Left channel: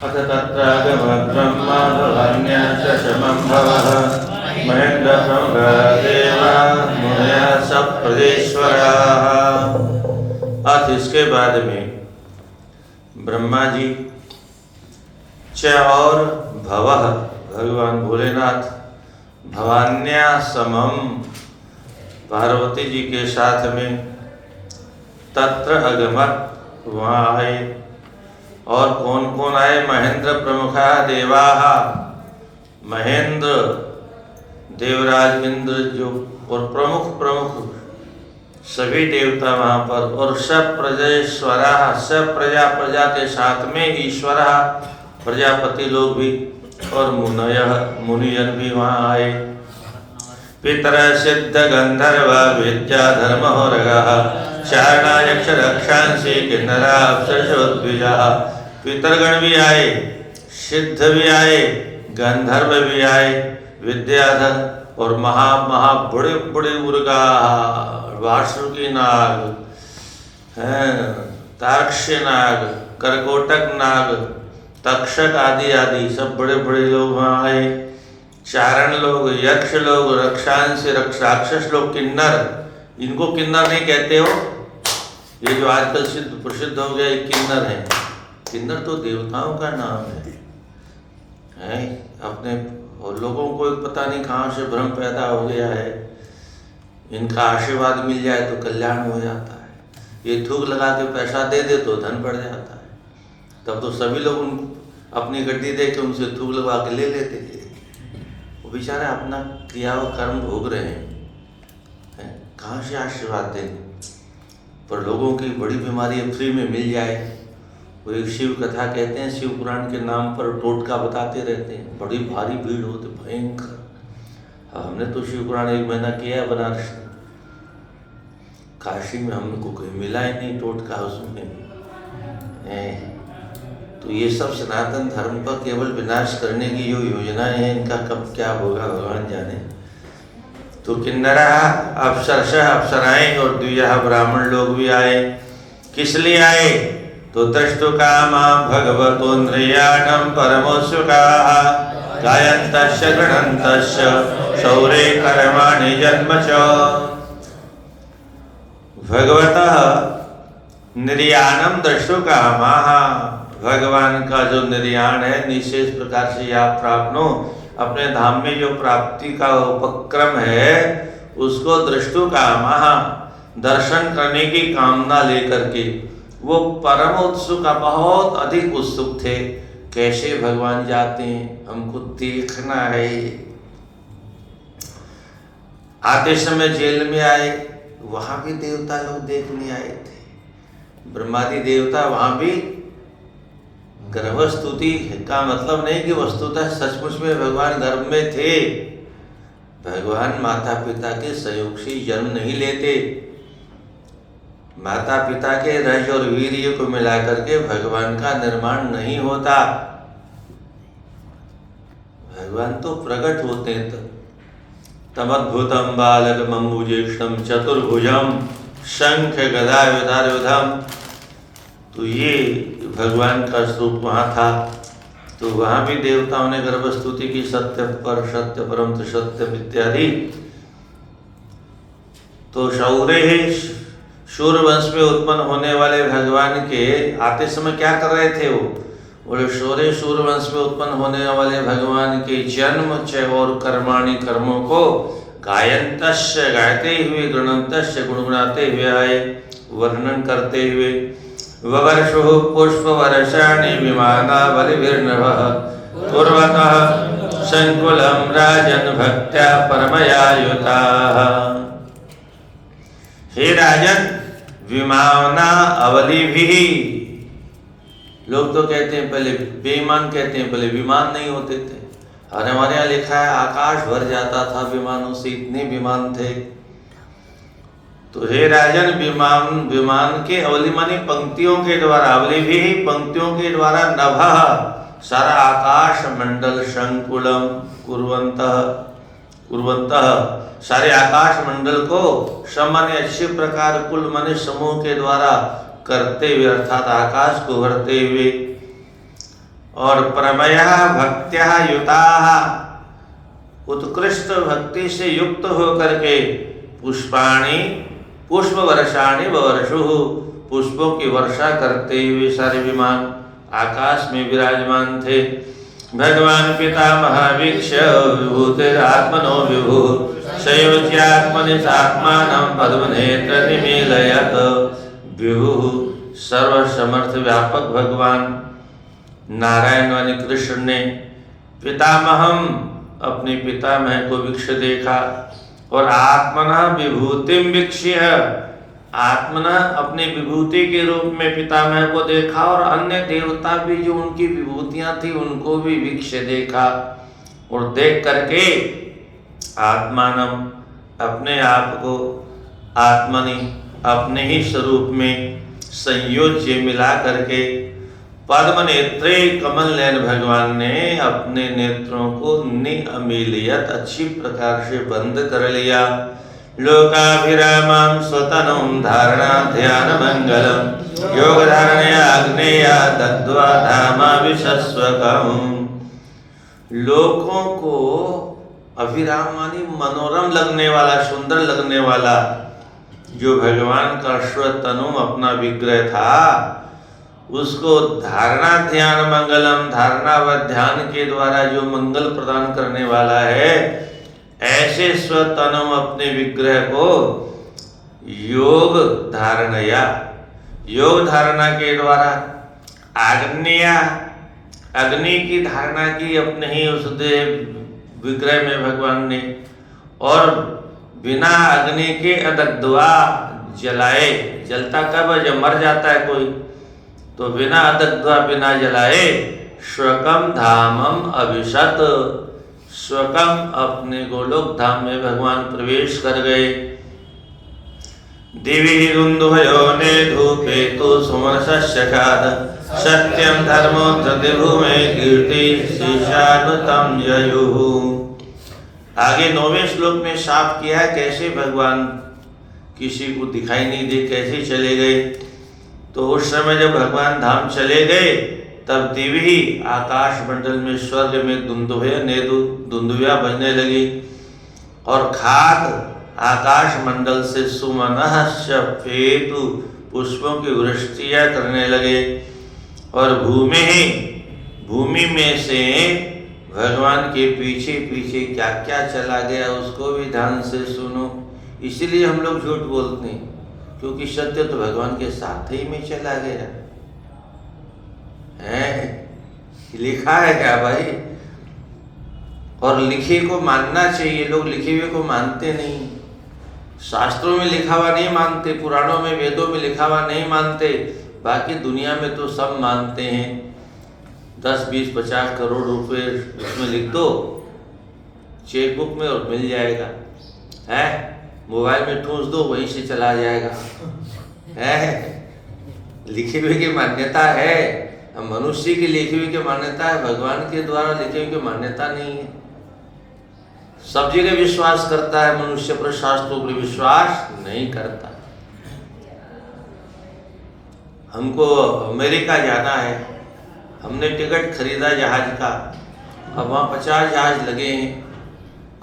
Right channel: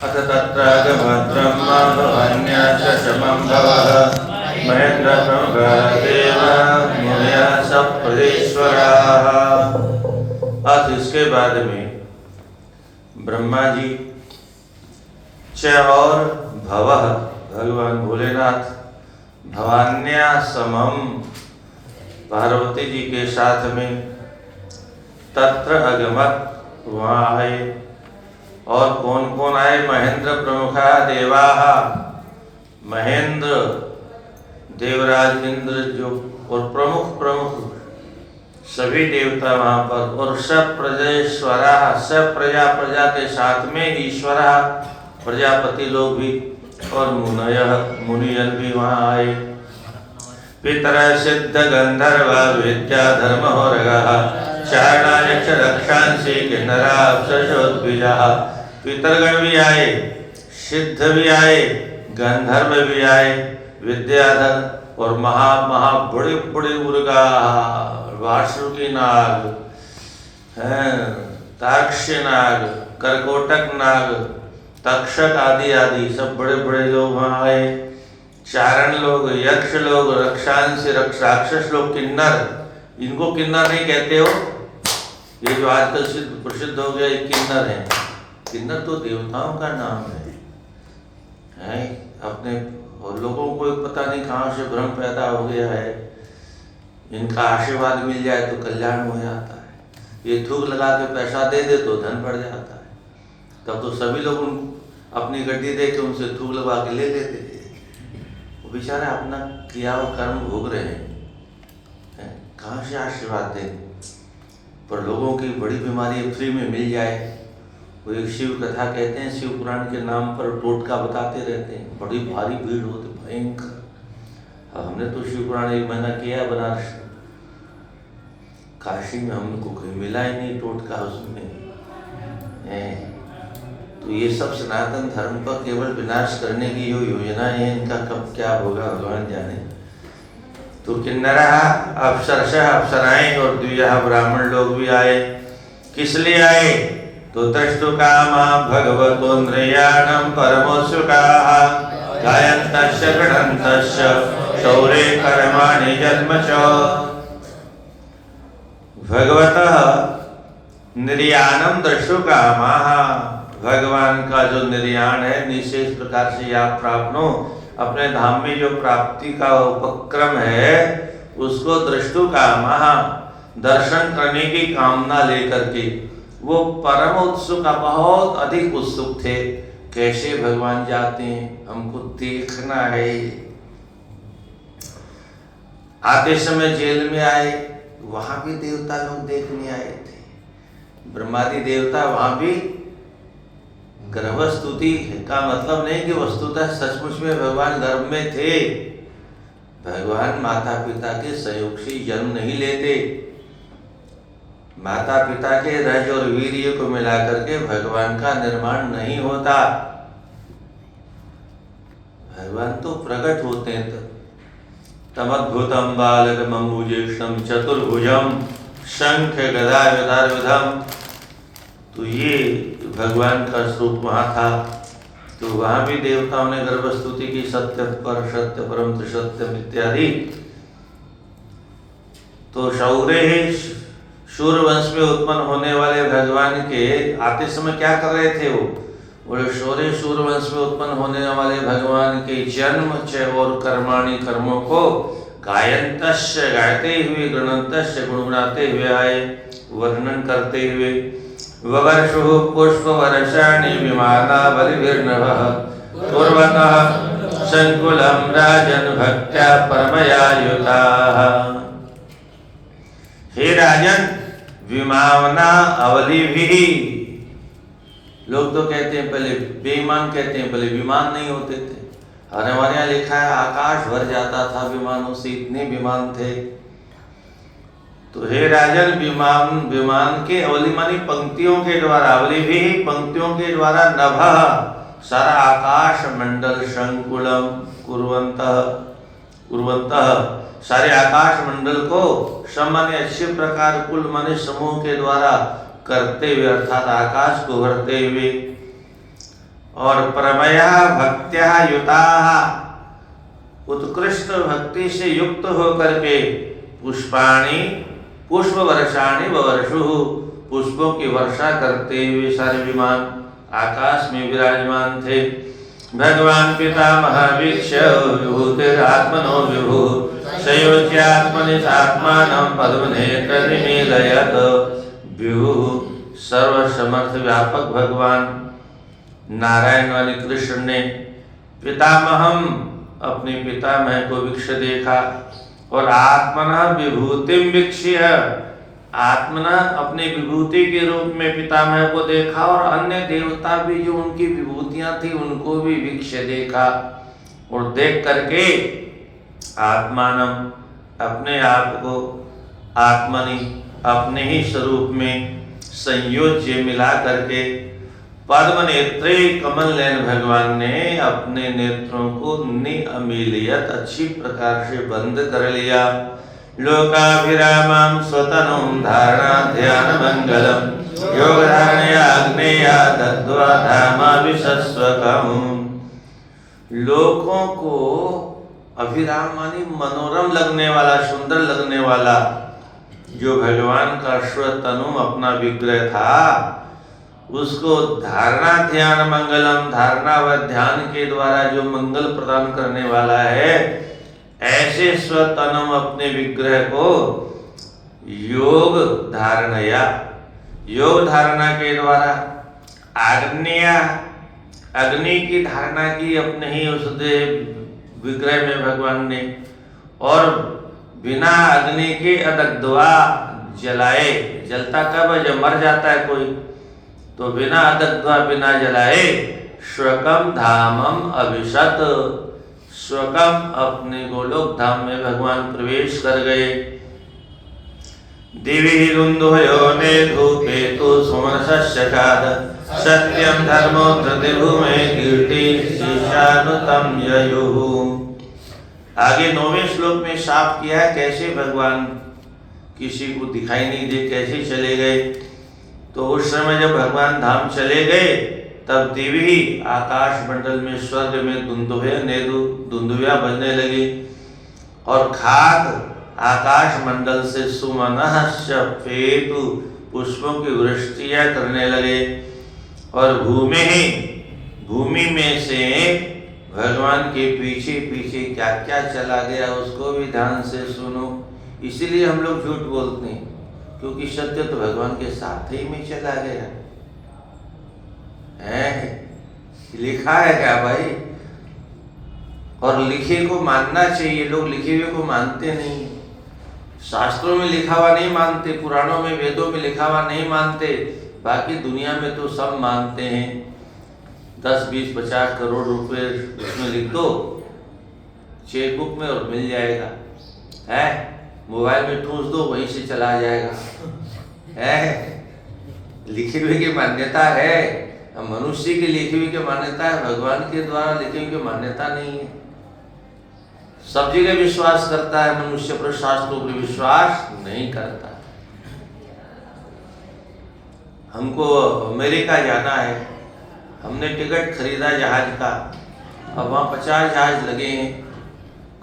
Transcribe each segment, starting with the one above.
अथ तत्रागमद्ब्रह्मा भवान्याश्च समं भवः महेन्द्रप्रमुखदेवा मुनयः सप्तर्षीश्वराः। अथ इसके बाद में ब्रह्मा जी च और भवः भगवान भोलेनाथ भवान्या समम पार्वती जी के साथ में तत्र अगमत वहाँ आए। और कौन कौन आए? महेंद्र प्रमुखा देवा, महेंद्र देवराज इंद्र जो और प्रमुख प्रमुख सभी देवता वहाँ पर, और सब प्रजेश्वरा सब प्रजा के साथ में ईश्वरा प्रजापति लोग भी, और मुनियन भी वहाँ आए। पितर सिद्ध गंधर्व विद्या धर्म हो रहा चारणायक्ष रक्षांसी किन्नरा अप्सरसोद्विजा। पितरगण भी आए, सिद्ध भी आए, गंधर्व भी आए, विद्याधर और महा बड़े बड़े उर्गा वासुकी नाग, तारक्ष नाग, करकोटक नाग, तक्षक आदि आदि सब बड़े बड़े लोग वहाँ आए। चारण लोग, यक्ष लोग, रक्षांश राक्षस लोग, किन्नर, इनको किन्नर नहीं कहते हो, ये जो आजकल प्रसिद्ध हो गया किन्नर है। किन्नर तो देवताओं का नाम है अपने, और लोगों को पता नहीं कहाँ से भ्रम पैदा हो गया है। इनका आशीर्वाद मिल जाए तो कल्याण हो जाता है, ये थूक लगा के पैसा दे दे तो धन बढ़ जाता है। तब तो सभी लोग उनको अपनी गड्डी दे के उनसे थूक लगा के ले लेते थे। वो बेचारे अपना किया हुआ कर्म भोग रहे हैं, कहाँ से आशीर्वाद दें। पर लोगों की बड़ी बीमारी फ्री में मिल जाए। वो एक शिव कथा कहते हैं, शिव पुराण के नाम पर टोटका बताते रहते हैं, बड़ी भारी भीड़ होती भयंकर। हमने तो शिव पुराण 1 महीना किया बनारस, काशी में हमको कोई मिला ही नहीं टोटका उसमें। तो ये सब सनातन धर्म का केवल विनाश करने की जो योजना है, इनका कब क्या होगा भगवान जाने। तो किन्नरा अप्सरशः अप्सराएं और द्विजा ब्राह्मण लोग भी आए। किस लिए आए? तो तष्टु कामा भगवतोन्द्रियाणं परमोत्सुकाः गायन्तस्य गणन्तस्य शौरे कर्माणि जन्म च। भगवतः निर्याणं दृष्टु कामाः, भगवान का जो निर्याण है, निशेष प्रकार से आप प्राप्त हो, अपने धाम में जो प्राप्ति का उपक्रम है उसको दृष्टु कामः दर्शन करने की कामना लेकर के वो परम उत्सुक, बहुत अधिक उत्सुक थे। कैसे भगवान जाते हैं, हमको देखना है। आते समय जेल में आए, वहां भी देवता लोग देखने आए थे। ब्रह्मादि देवता वहां भी गर्भस्तुति का मतलब नहीं कि वस्तुतः सचमुच में भगवान गर्भ में थे। भगवान माता पिता के संयोग से जन्म नहीं लेते। माता पिता के रज और वीर्य को मिलाकर के भगवान का निर्माण नहीं होता। भगवान तो प्रकट होते हैं। तमद्भुतम बालकमम्बुजेक्षणं चतुर्भुजम शंख गदा विधारविधम। तो ये भगवान का स्वरूप वहाँ था। तो वहाँ भी देवताओं ने गर्भस्तुति की, सत्य पर सत्य परम सत्यम इत्यादि। तो शौर्य शूर वंश में उत्पन्न होने वाले भगवान के आते समय क्या कर रहे थे? वो बोले शौर्य शूर वंश में उत्पन्न होने वाले भगवान के जन्म च और कर्माणि कर्मों को गायन्तस्य गायते हुए, गृणन्तस्य गुणगुणाते हुए आए, वर्णन करते हुए। ववर्षुः पुष्पवर्षाणि विमाना बलिभिर्नभः पूर्वतः संकुलं राजन् भक्त्या परमया युताः। हे राजन, विमाना अवली भी, लोग तो कहते हैं पहले बेईमान कहते हैं, पहले विमान नहीं होते थे। और हमारे यहाँ लिखा है आकाश भर जाता था विमानों से, इतने विमान थे। तो हे राजन, विमान के अवली मानी पंक्तियों के द्वारा, अवली भी पंक्तियों के द्वारा नभः सारा आकाश मंडल संकुलम कुर्वन्तः सारे आकाश मंडल को सामान्य अच्छे प्रकार कुल माने समूह के द्वारा करते हुए, अर्थात आकाश को भरते हुए। और प्रमया भक्त्या युताः, उत्कृष्ट भक्ति से युक्त होकर के पुष्पाणि पुष्प वर्षाणि वर्षुः, पुष्पों की वर्षा करते हुए सारे विमान आकाश में विराजमान थे। भगवान पितामह वीक्ष्य विभूतिरात्मनो विभु शैवत्यात्मनि सात्मानं पद्मनेत्र निमीलयत्। विभु सर्वसमर्थ व्यापक भगवान नारायण वाले कृष्ण ने पितामहम अपने पितामह को वीक्ष्य देखा और आत्मना विभूतिम वीक्ष्य, आत्मना अपने विभूति के रूप में पितामह को देखा और अन्य देवता भी जो उनकी विभूतियां थी उनको भी वीक्ष्य देखा। और देख करके आत्मानम अपने आप को आत्मनि अपने ही स्वरूप में संयोज्य मिला करके पद्म नेत्रे कमल नयन भगवान ने अपने नेत्रों को निअमीलियत अच्छी प्रकार से बंद कर लिया। लोकाभिरामं स्वतनं धारणा ध्यान मंगलम योग धारणया अग्नेया दत्वा धामाविशस्वकम्। लोकों को अभिराम मानी मनोरम लगने वाला, सुंदर लगने वाला जो भगवान का स्वतनु अपना विग्रह था उसको धारणा ध्यान मंगलम, धारणा व ध्यान के द्वारा जो मंगल प्रदान करने वाला है, ऐसे स्वतनु अपने विग्रह को योग धारणया, योग धारणा के द्वारा आग्नेया, अग्नि की धारणा की अपने ही उस विग्रह में भगवान ने, और बिना अग्नि के अदग्ध्वा जलाए, जलता कब है जब मर जाता है कोई, तो बिना अदग्ध्वा बिना जलाए स्वकम धामम अभिशत, स्वकम अपने गोलोक धाम में भगवान प्रवेश कर गए। दिवि रुंधयो ने धूपे तो सुमसस्यखाद सत्यम धर्मो प्रतिभूमे कीर्ति शीशावतम ययुः। आगे 9वें श्लोक में साफ किया कैसे भगवान किसी को दिखाई नहीं दे, कैसे चले गए। तो उस समय जब भगवान धाम चले गए तब दिव्य आकाश मंडल में स्वर्ग में दुंदुभिया बजने लगी और खाक आकाश मंडल से सुमनः शफेतु पुष्पों की वृष्टियां करने लगे। और भूमि में से भगवान के पीछे पीछे क्या क्या चला गया उसको भी ध्यान से सुनो। इसलिए हम लोग झूठ बोलते हैं क्योंकि सत्य तो भगवान के साथ ही में चला गया है। लिखा है क्या भाई? और लिखे को मानना चाहिए, लोग लिखे हुए को मानते नहीं। शास्त्रों में लिखा हुआ नहीं मानते, पुराणों में वेदों में लिखा हुआ नहीं मानते, बाकी दुनिया में तो सब मानते हैं। 10, 20, 50 करोड़ रुपए उसमें लिख दो चेकबुक में और मिल जाएगा है। मोबाइल में ठूंस दो वहीं से चला जाएगा है। लिखे हुए की मान्यता है, मनुष्य की लिखी हुई की मान्यता है, भगवान के द्वारा लिखे हुए की मान्यता नहीं है। सब जगह विश्वास करता है मनुष्य पर, शास्त्रों पर विश्वास नहीं करता। हमको अमेरिका जाना है, हमने टिकट खरीदा जहाज का, अब वहाँ 50 जहाज लगे हैं,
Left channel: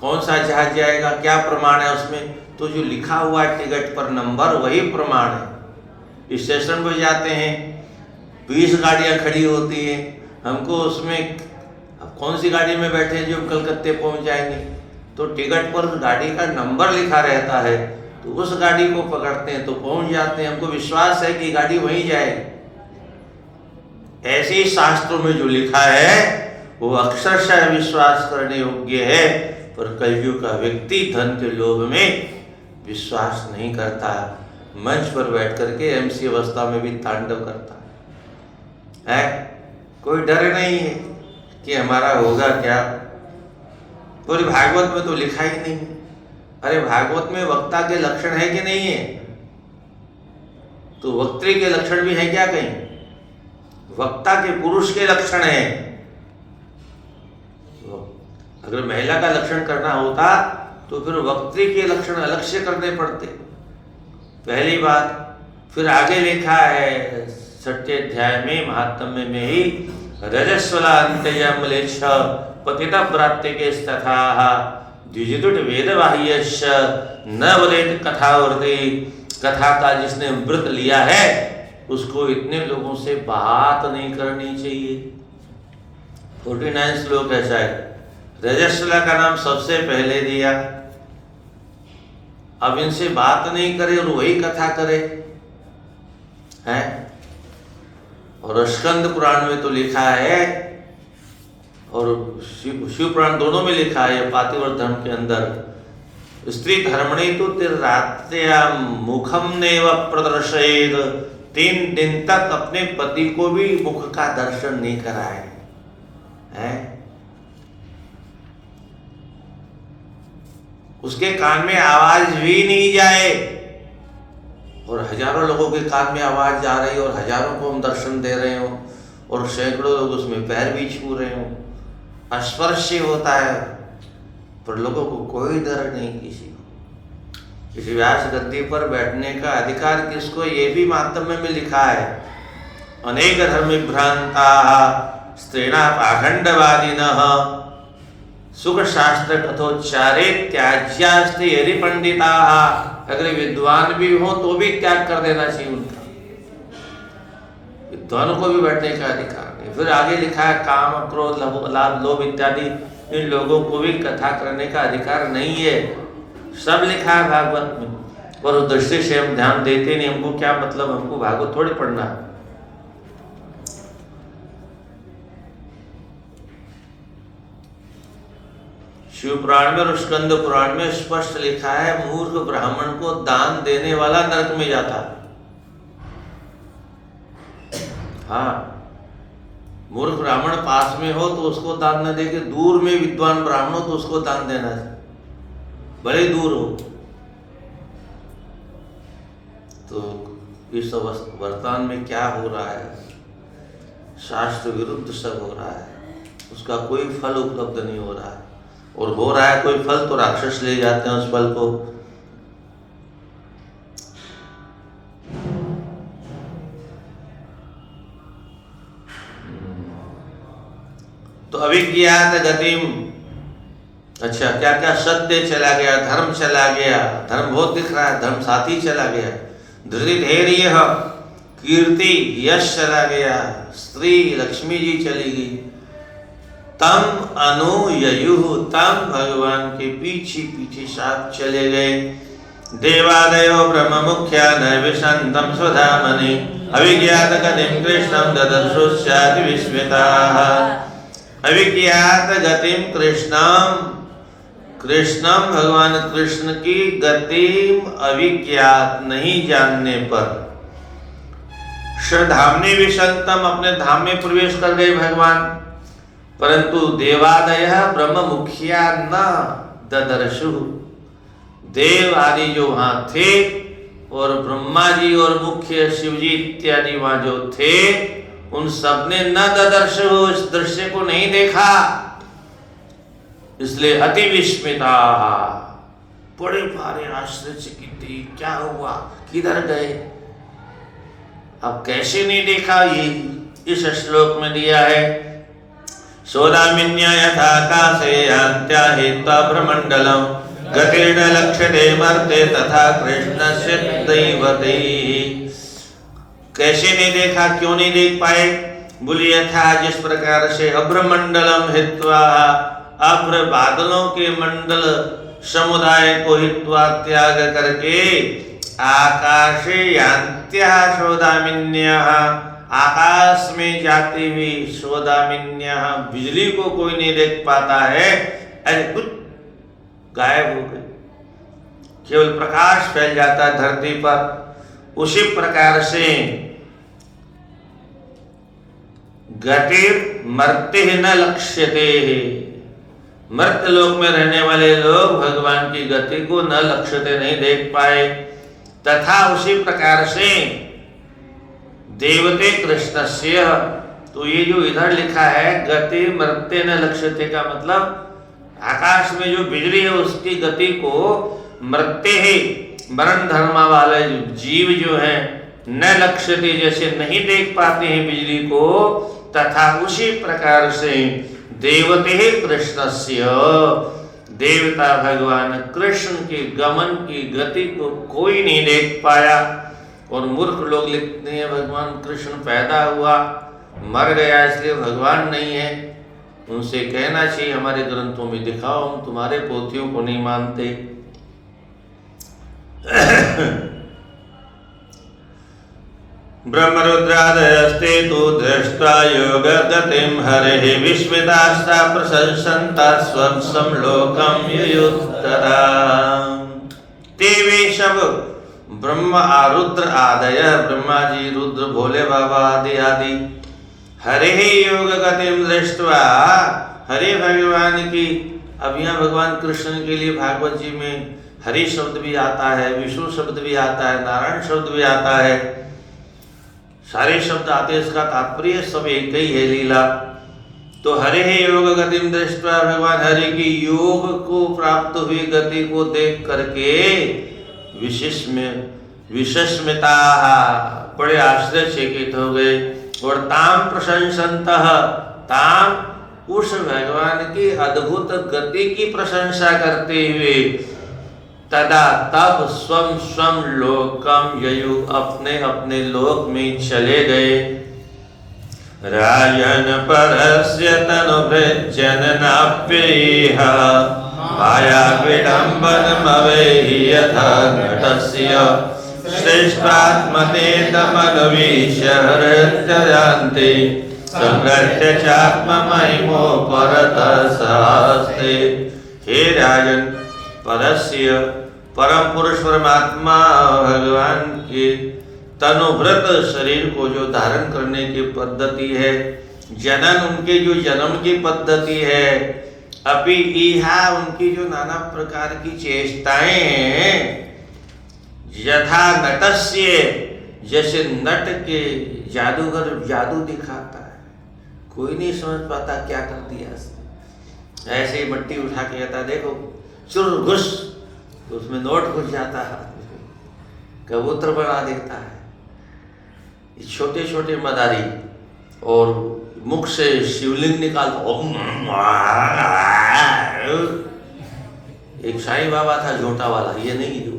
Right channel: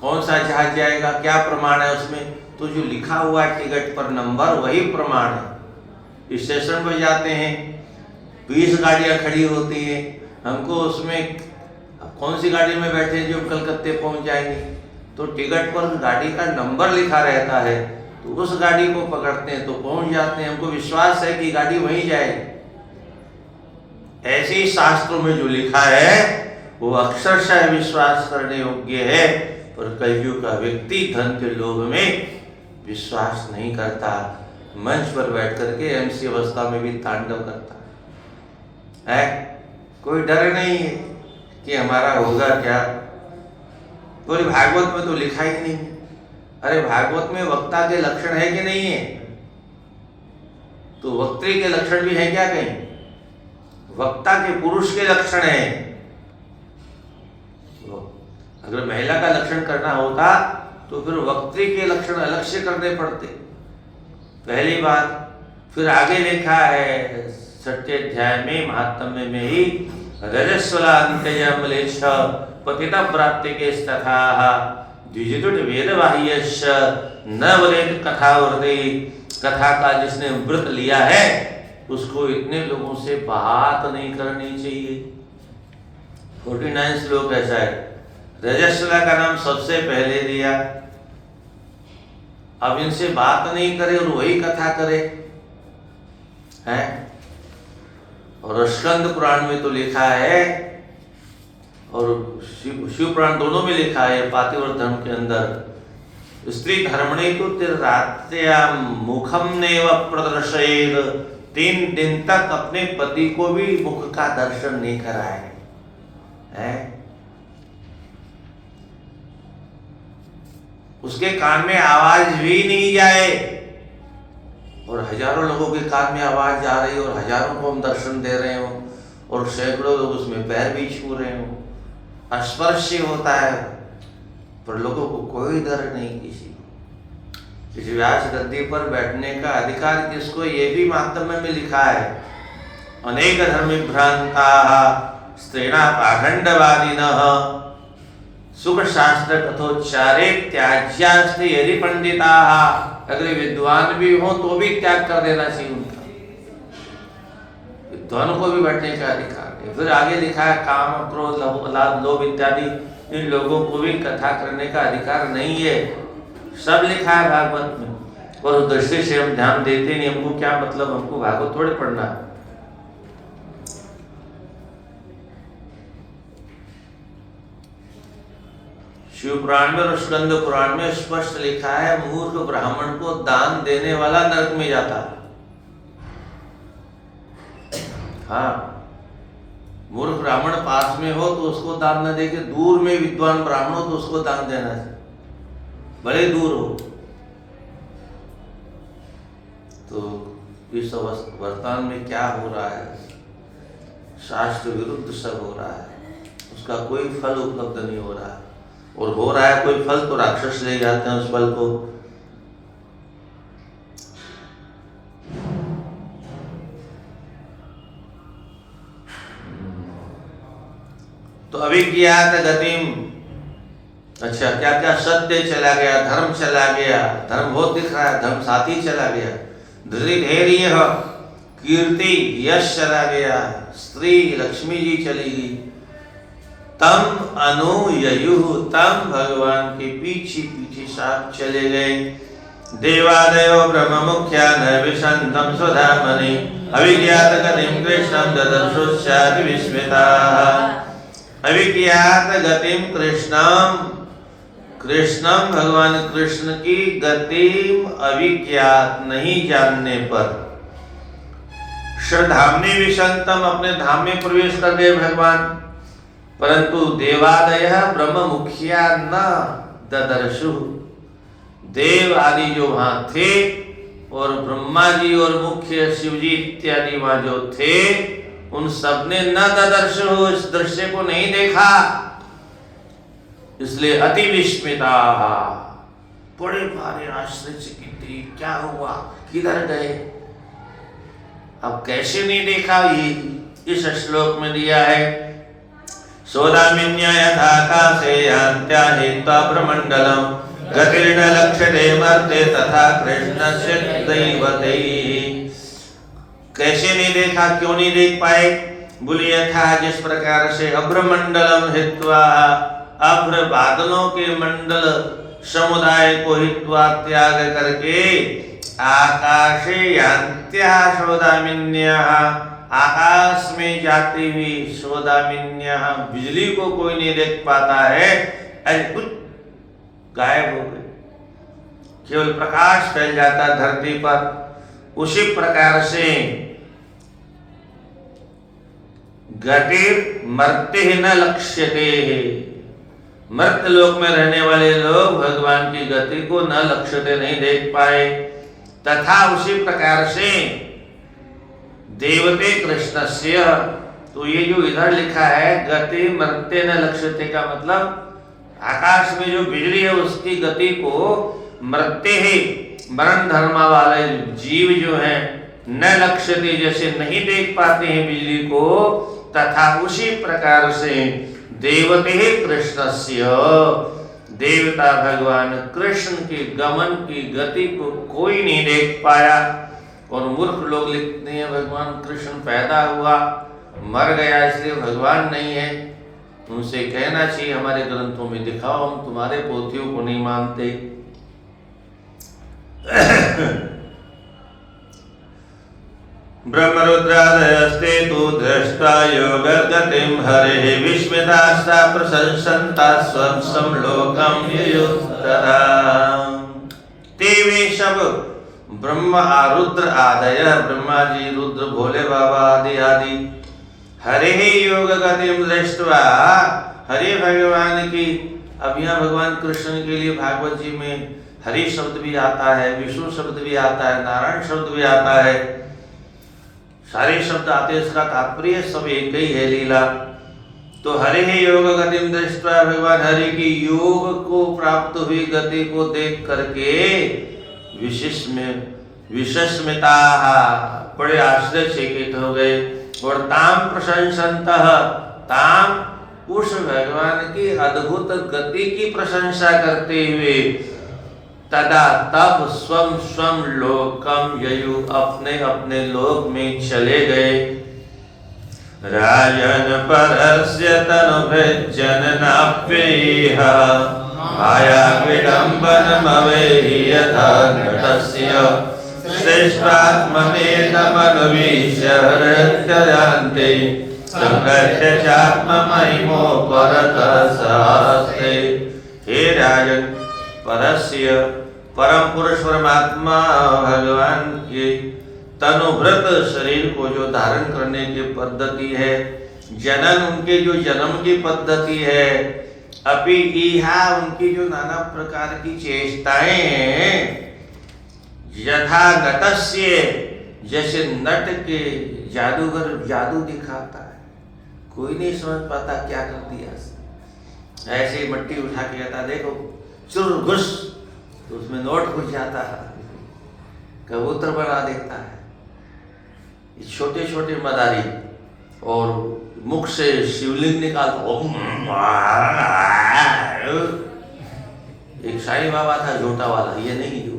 कौन सा जहाज जाएगा, क्या प्रमाण है उसमें? तो जो लिखा हुआ है टिकट पर नंबर वही प्रमाण है। स्टेशन पर जाते हैं 20 गाड़ियाँ खड़ी होती हैं, हमको उसमें कौन सी गाड़ी में बैठे जो कलकत्ते पहुंच जाएंगे, तो टिकट पर गाड़ी का नंबर लिखा रहता है तो उस गाड़ी को पकड़ते हैं तो पहुंच जाते हैं। हमको विश्वास है कि गाड़ी वहीं जाए। ऐसे ही शास्त्रों में जो लिखा है वो अक्षरशः विश्वास करने योग्य है, पर कलयुग का व्यक्ति धन के लोभ में विश्वास नहीं करता। मंच पर बैठ करके एमसी अवस्था में भी तांडव करता है। कोई डर नहीं है कि हमारा होगा क्या। पूरी भागवत में तो लिखा ही नहीं। अरे भागवत में वक्ता के लक्षण है कि नहीं है? तो वक्त्री के लक्षण भी है क्या कहीं? वक्ता के पुरुष के लक्षण है। अगर महिला का लक्षण करना होता तो फिर वक्त्री के लक्षण अलग से करने पड़ते, पहली बात। फिर आगे लिखा है 6ठे अध्याय में महात्म्य में ही रजस्वला अंत्यजमलेच्छ पतिता प्राप्ति के तथा द्विजितुट वेदवाह्यश्च न वदेत कथावर्ती। कथा का जिसने व्रत लिया है उसको इतने लोगों से बात नहीं करनी चाहिए। 49 श्लोक ऐसा है। रजस्वला का नाम सबसे पहले दिया, अब इनसे बात नहीं करे और वही कथा करे है। और स्कंद पुराण में तो लिखा है और शिव पुराण दोनों में लिखा है, पातिव्रत धर्म के अंदर, स्त्री धर्मणे तो तिर्रात्या मुखम नेव प्रदर्शयेत। 3 दिन तक अपने पति को भी मुख का दर्शन नहीं कराए है। उसके कान में आवाज भी नहीं जाए और हजारों लोगों के कान में आवाज जा रही और हजारों को हम दर्शन दे रहे हो और सैकड़ों लोग उसमें पैर भी छू रहे हो। स्पर्श होता है पर लोगों को कोई डर नहीं। किसी व्यास गद्दी पर बैठने का अधिकार किसको, ये भी महात्म्य में लिखा है। अनेक धर्म भ्रांता स्त्रीणा पाखंडवादिनः सुख शास्त्र कथोच्चारे त्याज्यास्ति यदि पंडिताः। अगर विद्वान भी हो तो भी त्याग कर देना चाहिए उनका। विद्वानों को भी बैठने का अधिकार नहीं। फिर आगे लिखा है काम क्रोध लाभ लोभ इत्यादि इन लोगों को भी कथा करने का अधिकार नहीं है। सब लिखा है भागवत में और उस दृष्टि से हम ध्यान देते नहीं। हमको क्या मतलब, हमको भागवत थोड़े पढ़ना। शिव पुराण में और स्कंद पुराण में स्पष्ट लिखा है मूर्ख ब्राह्मण को दान देने वाला नरक में जाता। हाँ, मूर्ख ब्राह्मण पास में हो तो उसको दान न दे के दूर में विद्वान ब्राह्मण हो तो उसको दान देना चाहिए, बड़े दूर हो। तो इस वर्तमान में क्या हो रहा है, शास्त्र विरुद्ध सब हो रहा है, उसका कोई फल उपलब्ध नहीं हो रहा है। और हो रहा है कोई फल तो राक्षस ले जाते हैं उस फल को। तो अविज्ञात गतिम, अच्छा क्या क्या सत्य चला गया, धर्म चला गया, धर्म बहुत दिख रहा है, धर्म साथी चला गया, धैर्य कीर्ति यश चला गया, स्त्री लक्ष्मी जी चली गई। तम अनुययु, तम भगवान के पीछे पीछे साथ चले गए। देवादयो ब्रह्म मुख्या नैविशंतम स्वधामनि अविज्ञात गतिम कृष्णम ददर्शुस्यादि विस्मिताः। अविज्ञात गतिम कृष्णम, कृष्णम भगवान कृष्ण की गतिम अविज्ञात नहीं जानने पर। श्रद्धामनि विशंतम, अपने धाम में प्रवेश कर गए भगवान, परंतु देवादय ब्रह्म मुखिया न ददर्शु। देव आदि जो वहां थे और ब्रह्मा जी और मुख्य शिवजी इत्यादि वहां जो थे उन सब ने न ददर्शु, उस दृश्य को नहीं देखा, इसलिए अति विस्मिता, बड़े भारे आश्चर्यचकित, क्या हुआ, किधर गए, अब कैसे नहीं देखा। ये इस श्लोक में दिया है। सोदामिन्या यथाकाशे यान्त्या हित्वा ब्रह्मण्डलम् गतिर्न लक्ष्यते मर्त्ये तथा कृष्णस्य दैवतैः। कैसे नहीं देखा, क्यों नहीं देख पाए, बोलिए था जिस प्रकार से अभ्रमंडलम हित्वा, अभ्र बादलों के मंडल समुदाय को हित्वा त्याग करके आकाशे यान्त्या सोदामिन्यः, आकाश में जाती हुई सोदामिन्यः, बिजली को कोई नहीं देख पाता है, ऐसे कुछ गायब हो गई, केवल प्रकाश फैल जाता धरती पर। उसी प्रकार से गतिर् मर्त्य न लक्ष्यते, मर्त्य लोक में रहने वाले लोग भगवान की गति को न लक्ष्यते, नहीं देख पाए। तथा उसी प्रकार से देवते कृष्णस्य, तो ये जो इधर लिखा है गति मर्त्य न लक्ष्यते का मतलब आकाश में जो बिजली है उसकी गति को मर्त्य है, मरण धर्म वाले जीव जो है न लक्ष्यते, जैसे नहीं देख पाते हैं बिजली को, तथा उसी प्रकार से देवते कृष्णस्य, देवता भगवान कृष्ण के गमन की गति को कोई नहीं देख पाया। और मूर्ख लोग लिखते हैं भगवान कृष्ण पैदा हुआ मर गया इसलिए भगवान नहीं है। उनसे कहना चाहिए हमारे ग्रंथों में दिखाओ, हम तुम्हारे पोथियों को नहीं मानते। ब्रह्मरुद्रादयस्ते तु दृष्ट्वा योगगतिं हरेः विस्मितास्ता प्रशंसन्ता स्वं समलोकं ययुत्तरा। ते वे सब ब्रह्म रुद्र आदय, ब्रह्मा जी, रुद्र, भोले बाबा आदि आदि, हरेः योगगतिं दृष्ट्वा, हरे भगवान की। अब यहाँ भगवान कृष्ण के लिए भागवत जी में हरि शब्द भी आता है, विष्णु शब्द भी आता है, नारायण शब्द भी आता है, सारे शब्द आते हैं। इसका तात्पर्य सब एक ही है, लीला। तो हरे योग गतिम दृष्ट्वा, भगवान हरि की योग को प्राप्त हुई गति को देख करके विशस्मिता, बड़े आश्चर्यचकित हो गए। और ताम प्रशंसन्तः, ताम उस भगवान की अद्भुत गति की प्रशंसा करते हुए, तदा तब स्वम स्वम लोकम ययु, अपने अपने लोक में चले गए। राजन परस्य तनुभृजन नाप्येह, माया विडम्बनमवेहि यथा नटस्य, श्रेष्ठात्मने तमन्वीश्यहृत्यन्ते, संगत्य चात्ममहिमो परतः सहस्ते। हे राजन, परस्य परम पुरुष परमात्मा भगवान के तनुभृत शरीर को जो धारण करने की पद्धति है, जनन उनके जो जन्म की पद्धति है, अपि इहा उनकी जो नाना प्रकार की चेष्टाएं हैं, यथा नटस्य, जैसे नट के जादूगर जादू दिखाता है, कोई नहीं समझ पाता क्या कर दिया। ऐसे ही मट्टी उठा के कहता देखो चुर घुस, तो उसमें नोट घुस जाता है, कबूतर बना देता है। छोटे छोटे मदारी और मुख से शिवलिंग निकालता। एक साईं बाबा था झोटा वाला, ये नहीं जो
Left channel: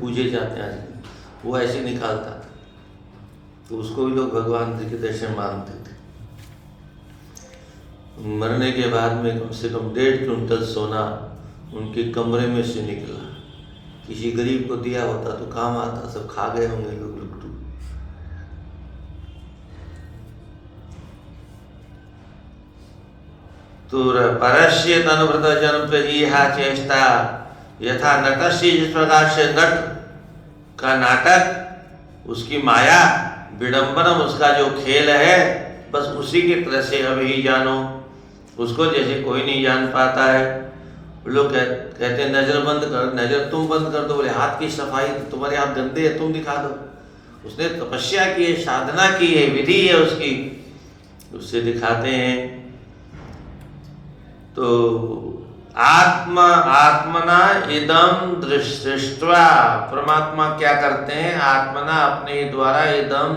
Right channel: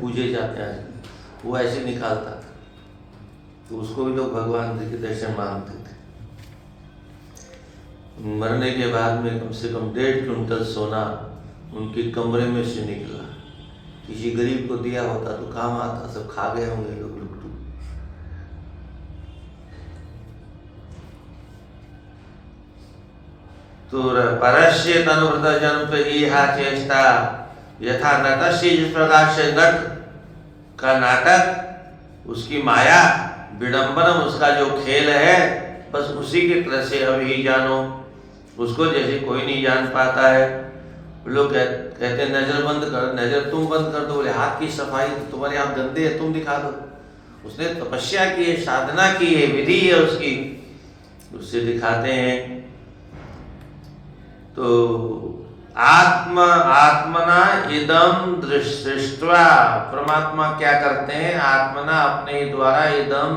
पूजे जाते हैं, वो ऐसे निकालता था, तो उसको भी लोग भगवान जी के दर्शन मानते थे। मरने के बाद में कम से कम 1.5 क्विंटल सोना उनके कमरे में से निकला। किसी गरीब को दिया होता तो काम आता, सब खा गए होंगे लोग। तो परस्य तनुभृत जन इहा चेष्टा, यथा नटस्य, जिस प्रकार से नट का नाटक, उसकी माया विडंबनम, उसका जो खेल है, बस उसी की तरह से अब ही जानो। उसको जैसे कोई नहीं जान पाता है। लोग कहते हैं नजर बंद कर, नजर तुम बंद कर दो। बोले हाथ की सफाई, तुम्हारे हाथ गंदे है, तुम दिखा दो। उसने तपस्या की है, साधना की है, विधि है उसकी, उससे दिखाते हैं। तो आत्मना इदम दृष्टवा, परमात्मा क्या करते हैं, आत्मना अपने द्वारा इदम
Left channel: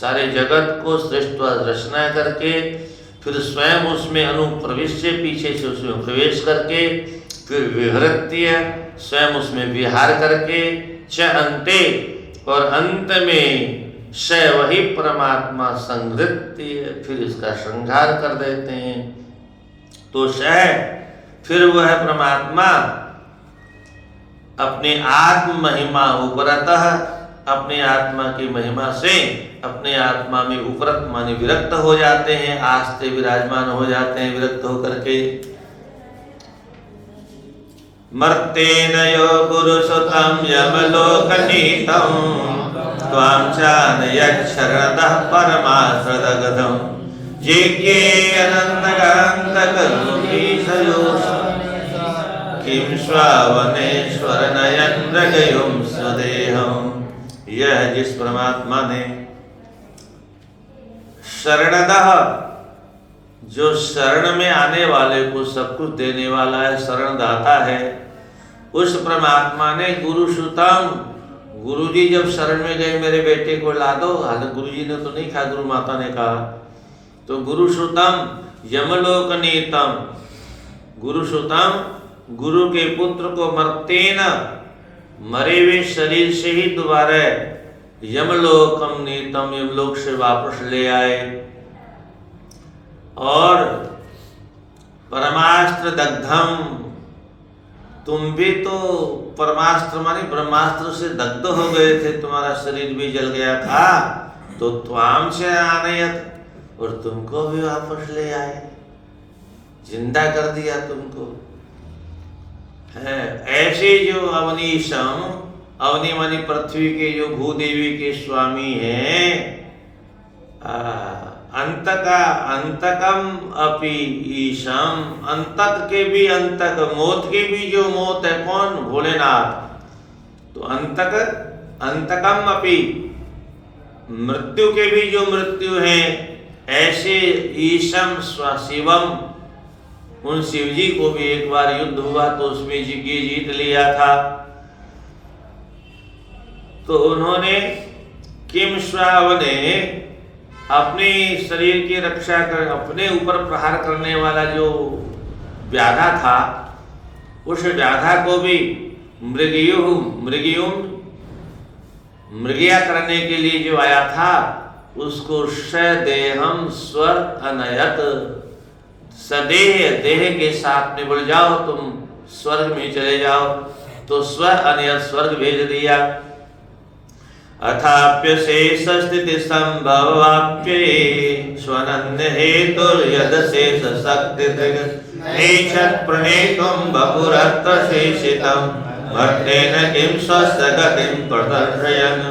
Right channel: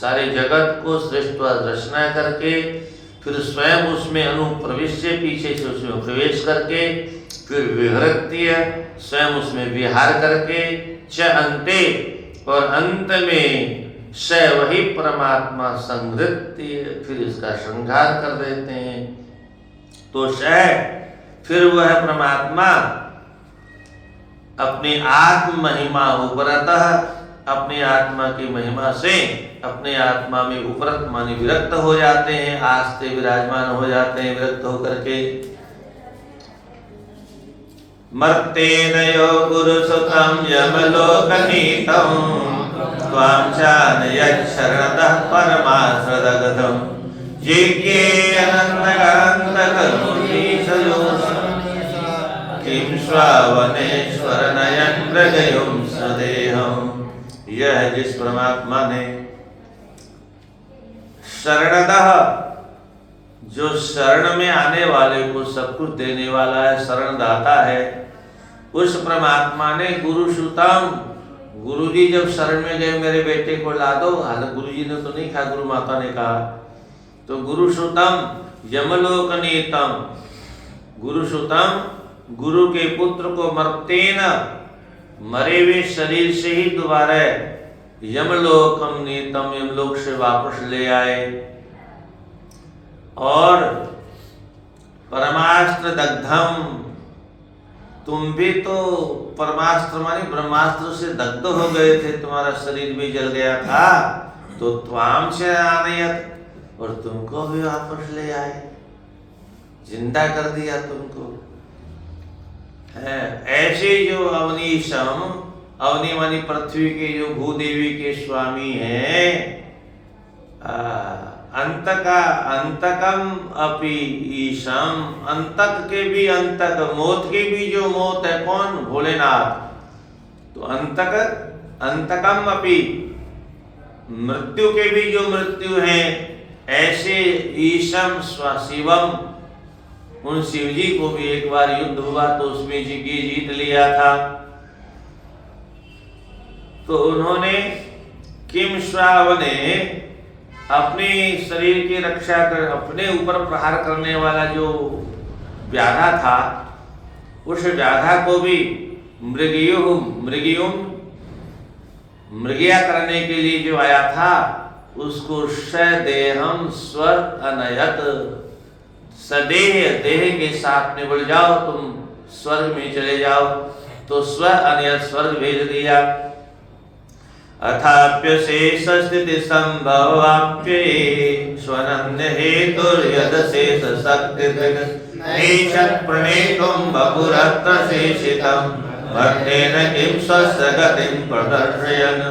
सारे जगत को सृष्टवा रचना करके, फिर स्वयं उसमें अनुप्रवेश से पीछे से उसमें प्रवेश करके, फिर विहृत्य स्वयं उसमें विहार करके, च अंते और अंत में स वही परमात्मा संहृत्य, फिर इसका श्रृंगार कर देते हैं। तो स फिर वह परमात्मा अपनी आत्म महिमा उपरतः, अपने आत्मा की महिमा से अपने आत्मा में उपरत माने विरक्त हो जाते हैं, आस्ते विराजमान हो जाते हैं, विरक्त होकर के। मर्तेनयो गुरुसुतं यमलोकनीतं, त्वां चानयच्छरणतः परमाश्रदगतं, जेके किं स्वावनेश्वर नयन हृदयं सदेहम्। यह जिस परमात्मा ने शरणतः, जो शरण में आने वाले को सब कुछ देने वाला है, शरण दाता है, उस परमात्मा ने गुरुसुतम, गुरुजी जब शरण में गए मेरे बेटे को ला दो, हालांकि गुरुजी ने तो नहीं कहा, गुरु माता ने कहा, तो गुरुसुतम यमलोक नीतम, गुरुसुतम गुरु के पुत्र को मर्तेन, मरे हुए शरीर से ही दोबारा यमलोकम नीतम, यमलोक से वापस ले आए। और परमास्त्र दग्धम, तुम भी तो परमास्त्र माने ब्रह्मास्त्र से दग्ध हो गए थे, तुम्हारा शरीर भी जल गया था, तो त्वाम से आनयत, और तुमको भी वापस ले आए, जिंदा कर दिया तुमको। ऐसे जो अवनीशम, अवनी मानी पृथ्वी के जो भूदेवी के स्वामी हैं, अंतकम अपि ईशम, अंतक के भी अंतक, मौत के भी जो मौत है कौन? भोलेनाथ। तो अंतकम अपि, मृत्यु के भी जो मृत्यु है, ऐसे ईशम शिवम, उन शिव जी को भी एक बार युद्ध हुआ तो उसमें जीत लिया था। तो उन्होंने किम श्राव ने अपने शरीर की रक्षा कर, अपने ऊपर प्रहार करने वाला जो व्याधा था, उस व्याधा को भी मृगिया करने के लिए जो आया था, उसको सदेहम स्वर अनयत, सदेह देह के साथ में बढ़ जाओ, तुम स्वर्ग में चले जाओ। तो स्वर अनयत स्वर्ग भेज दिया। अथाप्य शेष स्थिति संभवाप्ये स्वनन्य हेतु यद शेष शक्ति प्रणेतुम बहुरत्र शेषितम भक्तेन किम स्वस्थ गतिम प्रदर्शयन्।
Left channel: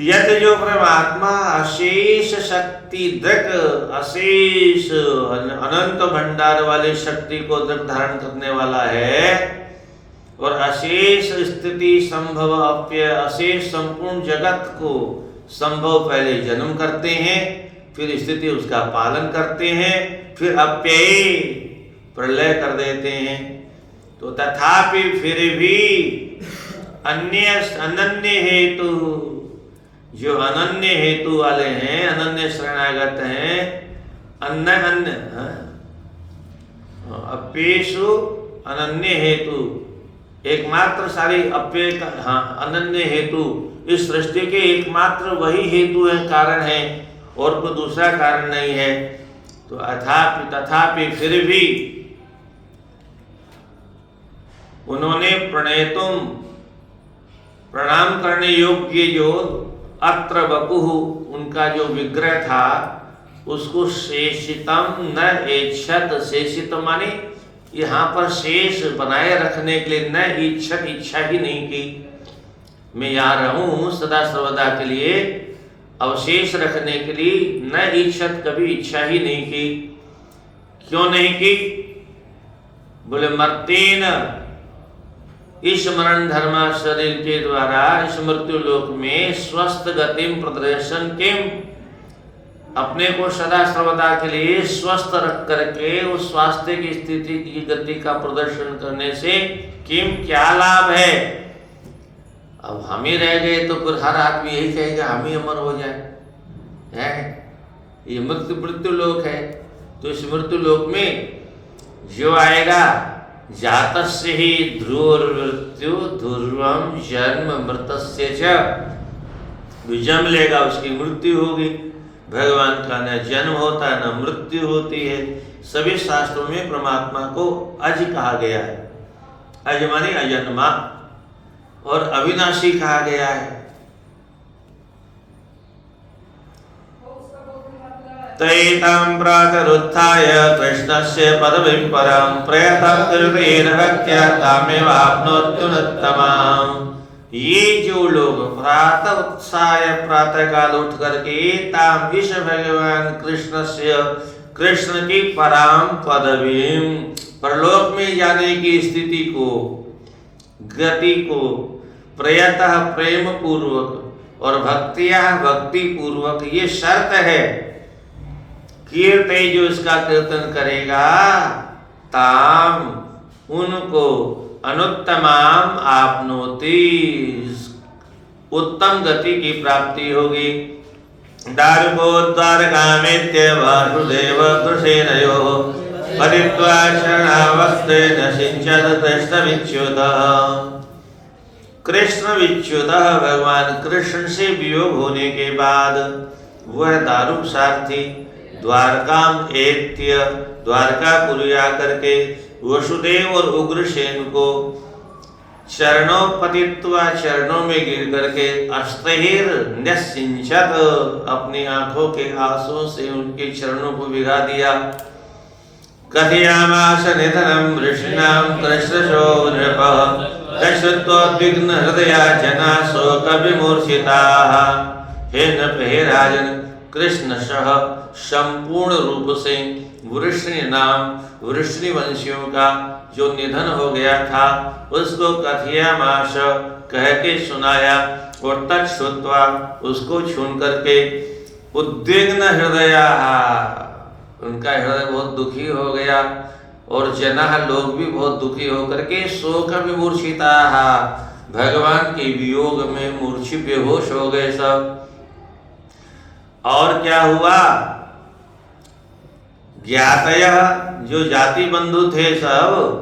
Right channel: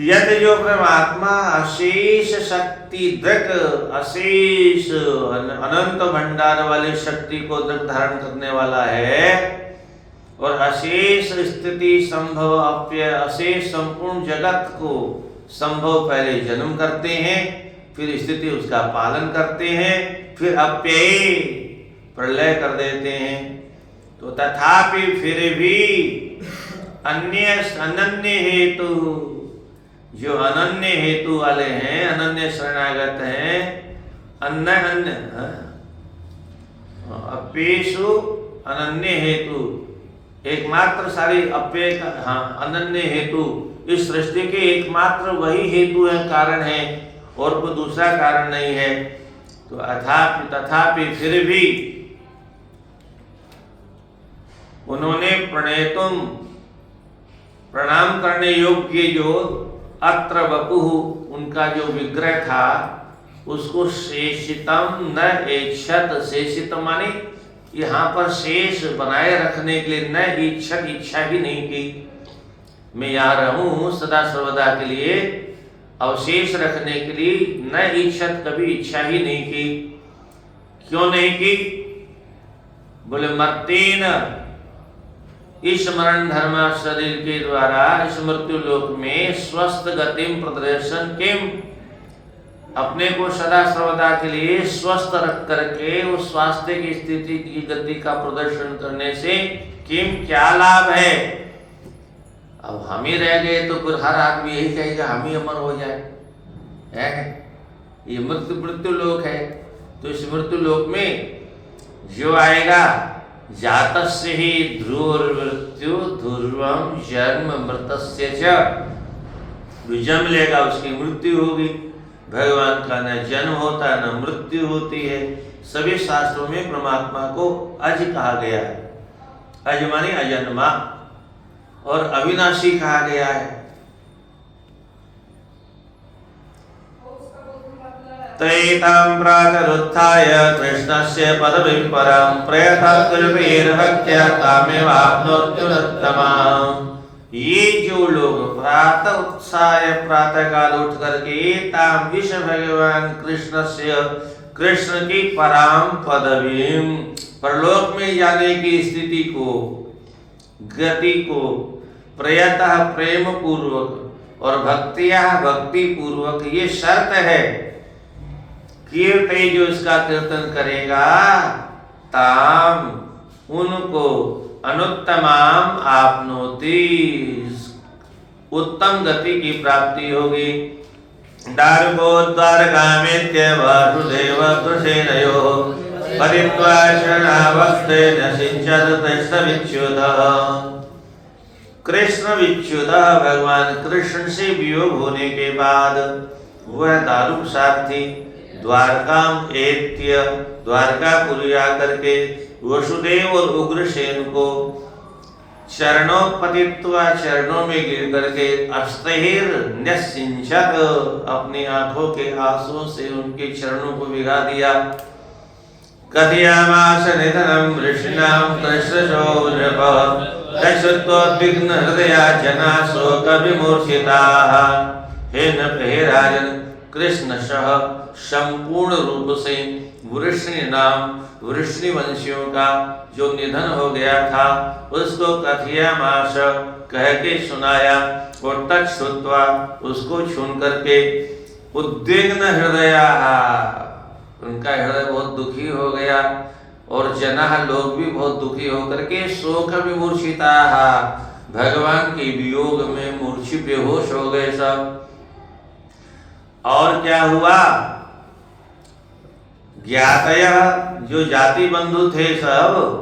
यद जो परमात्मा अशेष शक्ति दृक, अशेष अनंत भंडार वाली शक्ति को दृक धारण करने वाला है, और अशेष स्थिति संभव अप्य, अशेष संपूर्ण जगत को संभव पहले जन्म करते हैं, फिर स्थिति उसका पालन करते हैं, फिर अप्यय प्रलय कर देते हैं। तो तथापि फिर भी अनन्य हेतु, जो अनन्य हेतु वाले हैं, अनन्य शरणागत हैं, अन्य अपेशु अनन्य हेतु, एकमात्र सारी अप्यय का, अनन्य हेतु, इस सृष्टि के एकमात्र वही हेतु है, कारण है, और कोई दूसरा कारण नहीं है। तो तथापि फिर भी उन्होंने प्रणेतुम, प्रणाम करने योग्य जो अत्र वपुः, उनका जो विग्रह था, उसको शेषितम न ऐच्छत, शेषितम माने यहाँ पर शेष बनाए रखने के लिए, न इच्छत, इच्छा ही नहीं की, मैं यहाँ रहूं सदा सर्वदा के लिए, अवशेष रखने के लिए न इच्छत, कभी इच्छा ही नहीं की। क्यों नहीं की? बोले मर्तेन, इस मरण धर्म शरीर के द्वारा इस मृत्यु लोक में स्वस्थ गतिम प्रदर्शन किम, अपने को सदा सर्वदा के लिए स्वस्थ रख करके उस स्वास्थ्य की स्थिति की गति का प्रदर्शन करने से किम क्या लाभ है? अब हम ही रह गए तो फिर हर आदमी यही कहेगा हम ही अमर हो जाए, है? ये मृत्यु लोक है। तो इस मृत्यु लोक में जो आएगा, जातस्य ही ध्रुवमृत्यु ध्रुवम जन्म मृतस्य च, जो जन्म लेगा उसकी मृत्यु होगी। भगवान का न जन्म होता न मृत्यु होती है। सभी शास्त्रों में परमात्मा को अज कहा गया है, अज माने अजन्मा, और अविनाशी कहा गया है। तैतां प्रातरुत्थाय कृष्णस्य पदवीं परं प्रयतं कृतेन भक्त्या तामेवाप्नोत्युत्तमाम्। ये जो लोग प्रातः उत्साह प्रातः काल उठ करके ताम विश्व भगवान कृष्ण की पराम पदवीं, परलोक में जाने की स्थिति को, गति को प्रयतः प्रेम पूर्वक और भक्तिया भक्ति पूर्वक, ये शर्त है। कीर्ति जो इसका कीर्तन करेगा, ताम उनको अनुत्तमाम आपनोति, उत्तम गति की प्राप्ति होगी। दारुको द्वारकामेत्य वासुदेव कृष्णयोः परित्वा शरणावस्थेन सिञ्चत कृष्णविच्युतः। कृष्ण विच्युतः भगवान कृष्ण से वियोग होने के बाद वह दारुक सारथी द्वारकाम एत्य द्वारकापुरी आकर के वसुदेव और उग्रसेन को चरणों पतित्वा चरणों में गिर करके अस्तहिर न्यसिंचत अपनी आंखों के आंसुओं से उनके चरणों को भिगा दिया। कथयामास निधनम वृष्णाम कृष्णशौर्यः तस्योद्विग्न हृदया जना शोक विमूर्छिताः। हे नृप हे राजन, कृष्ण सह संपूर्ण रूप से वृष्णि नाम वृष्णि वंशियों का जो निधन हो गया था उसको कथयामास कह के सुनाया और तत्श्रुत्वा उसको छून करके उद्विग्न हृदया उनका हृदय बहुत दुखी हो गया और जना लोग भी बहुत दुखी होकर के शोक विमूर्छिता भगवान के वियोग में मूर्छित बेहोश हो गए सब। और क्या हुआ, ज्ञातय जो जाति बंधु थे सब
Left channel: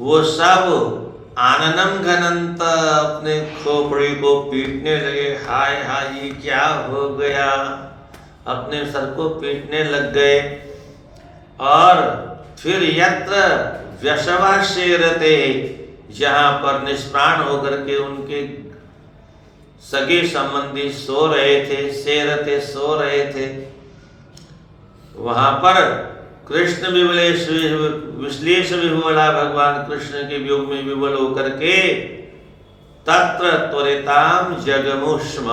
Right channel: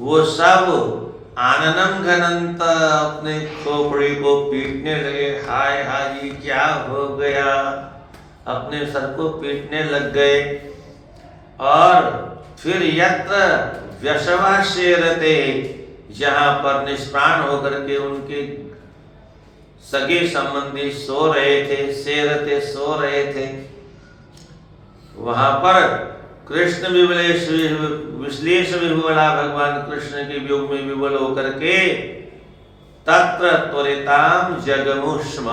वो सब आननम घनंत अपने खोपड़ी को पीटने लगे। हाय हाय ये क्या हो गया, अपने सर को पीटने लग गए। और फिर यत्र व्यसवा शेरते जहां पर निष्प्राण होकर के उनके सगे संबंधी सो रहे थे, शेरते सो रहे थे, वहां पर कृष्ण विश्लेष विह्वला भगवान कृष्ण के वियोग में विवल होकर के तत्र त्वरिताम जगमुष्म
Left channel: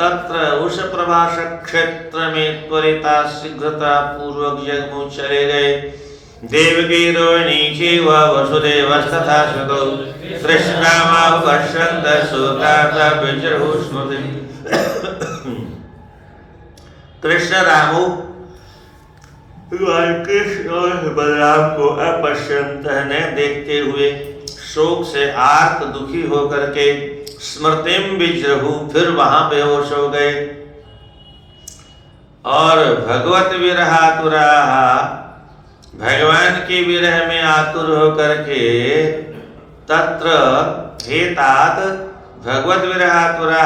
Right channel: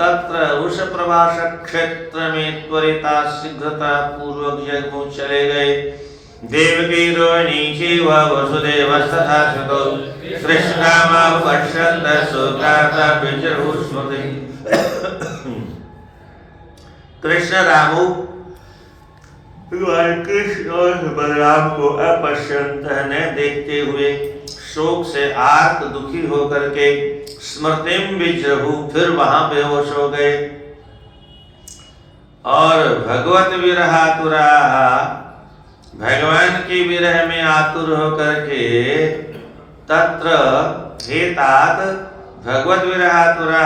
तत्र उस प्रभाष क्षेत्र में त्वरिता शीघ्रता पूर्वक जगमु चले गए। देवकी रोहिणी चैव वसुदेवस्तथा शुकौ कृष्णामा पश्यन्त शोकार्ता विजृहुः स्मृतिम्। कृष्ण रामो भगवान कृष्ण और बलराम को अपश्यंत न देखते हुए शोक से आर्त दुखी होकर के स्मृतिम विजृहु फिर वहां बेहोश हो गए। और भगवत विरहातुरा भगवान के विरह में आतुर होकर के तत्र हेतात भगवत विरहातुरा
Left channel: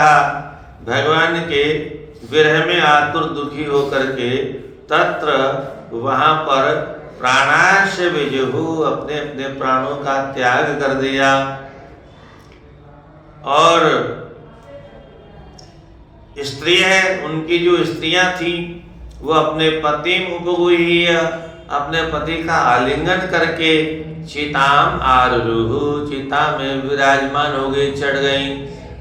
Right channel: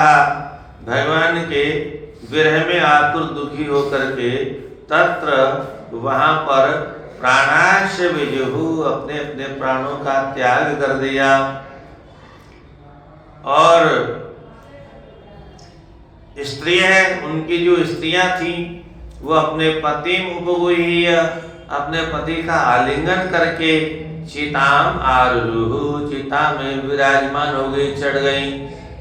भगवान के विरह में आतुर दुखी होकर के तत्र वहां पर प्राणाश विजुहु अपने अपने प्राणों का त्याग कर दिया। और स्त्री है उनकी जो स्त्रियां थी वो अपने पति उपगुह्य अपने पति का आलिंगन करके चिताम आरुरुहु चिता में विराजमान हो गई, चढ़ गई।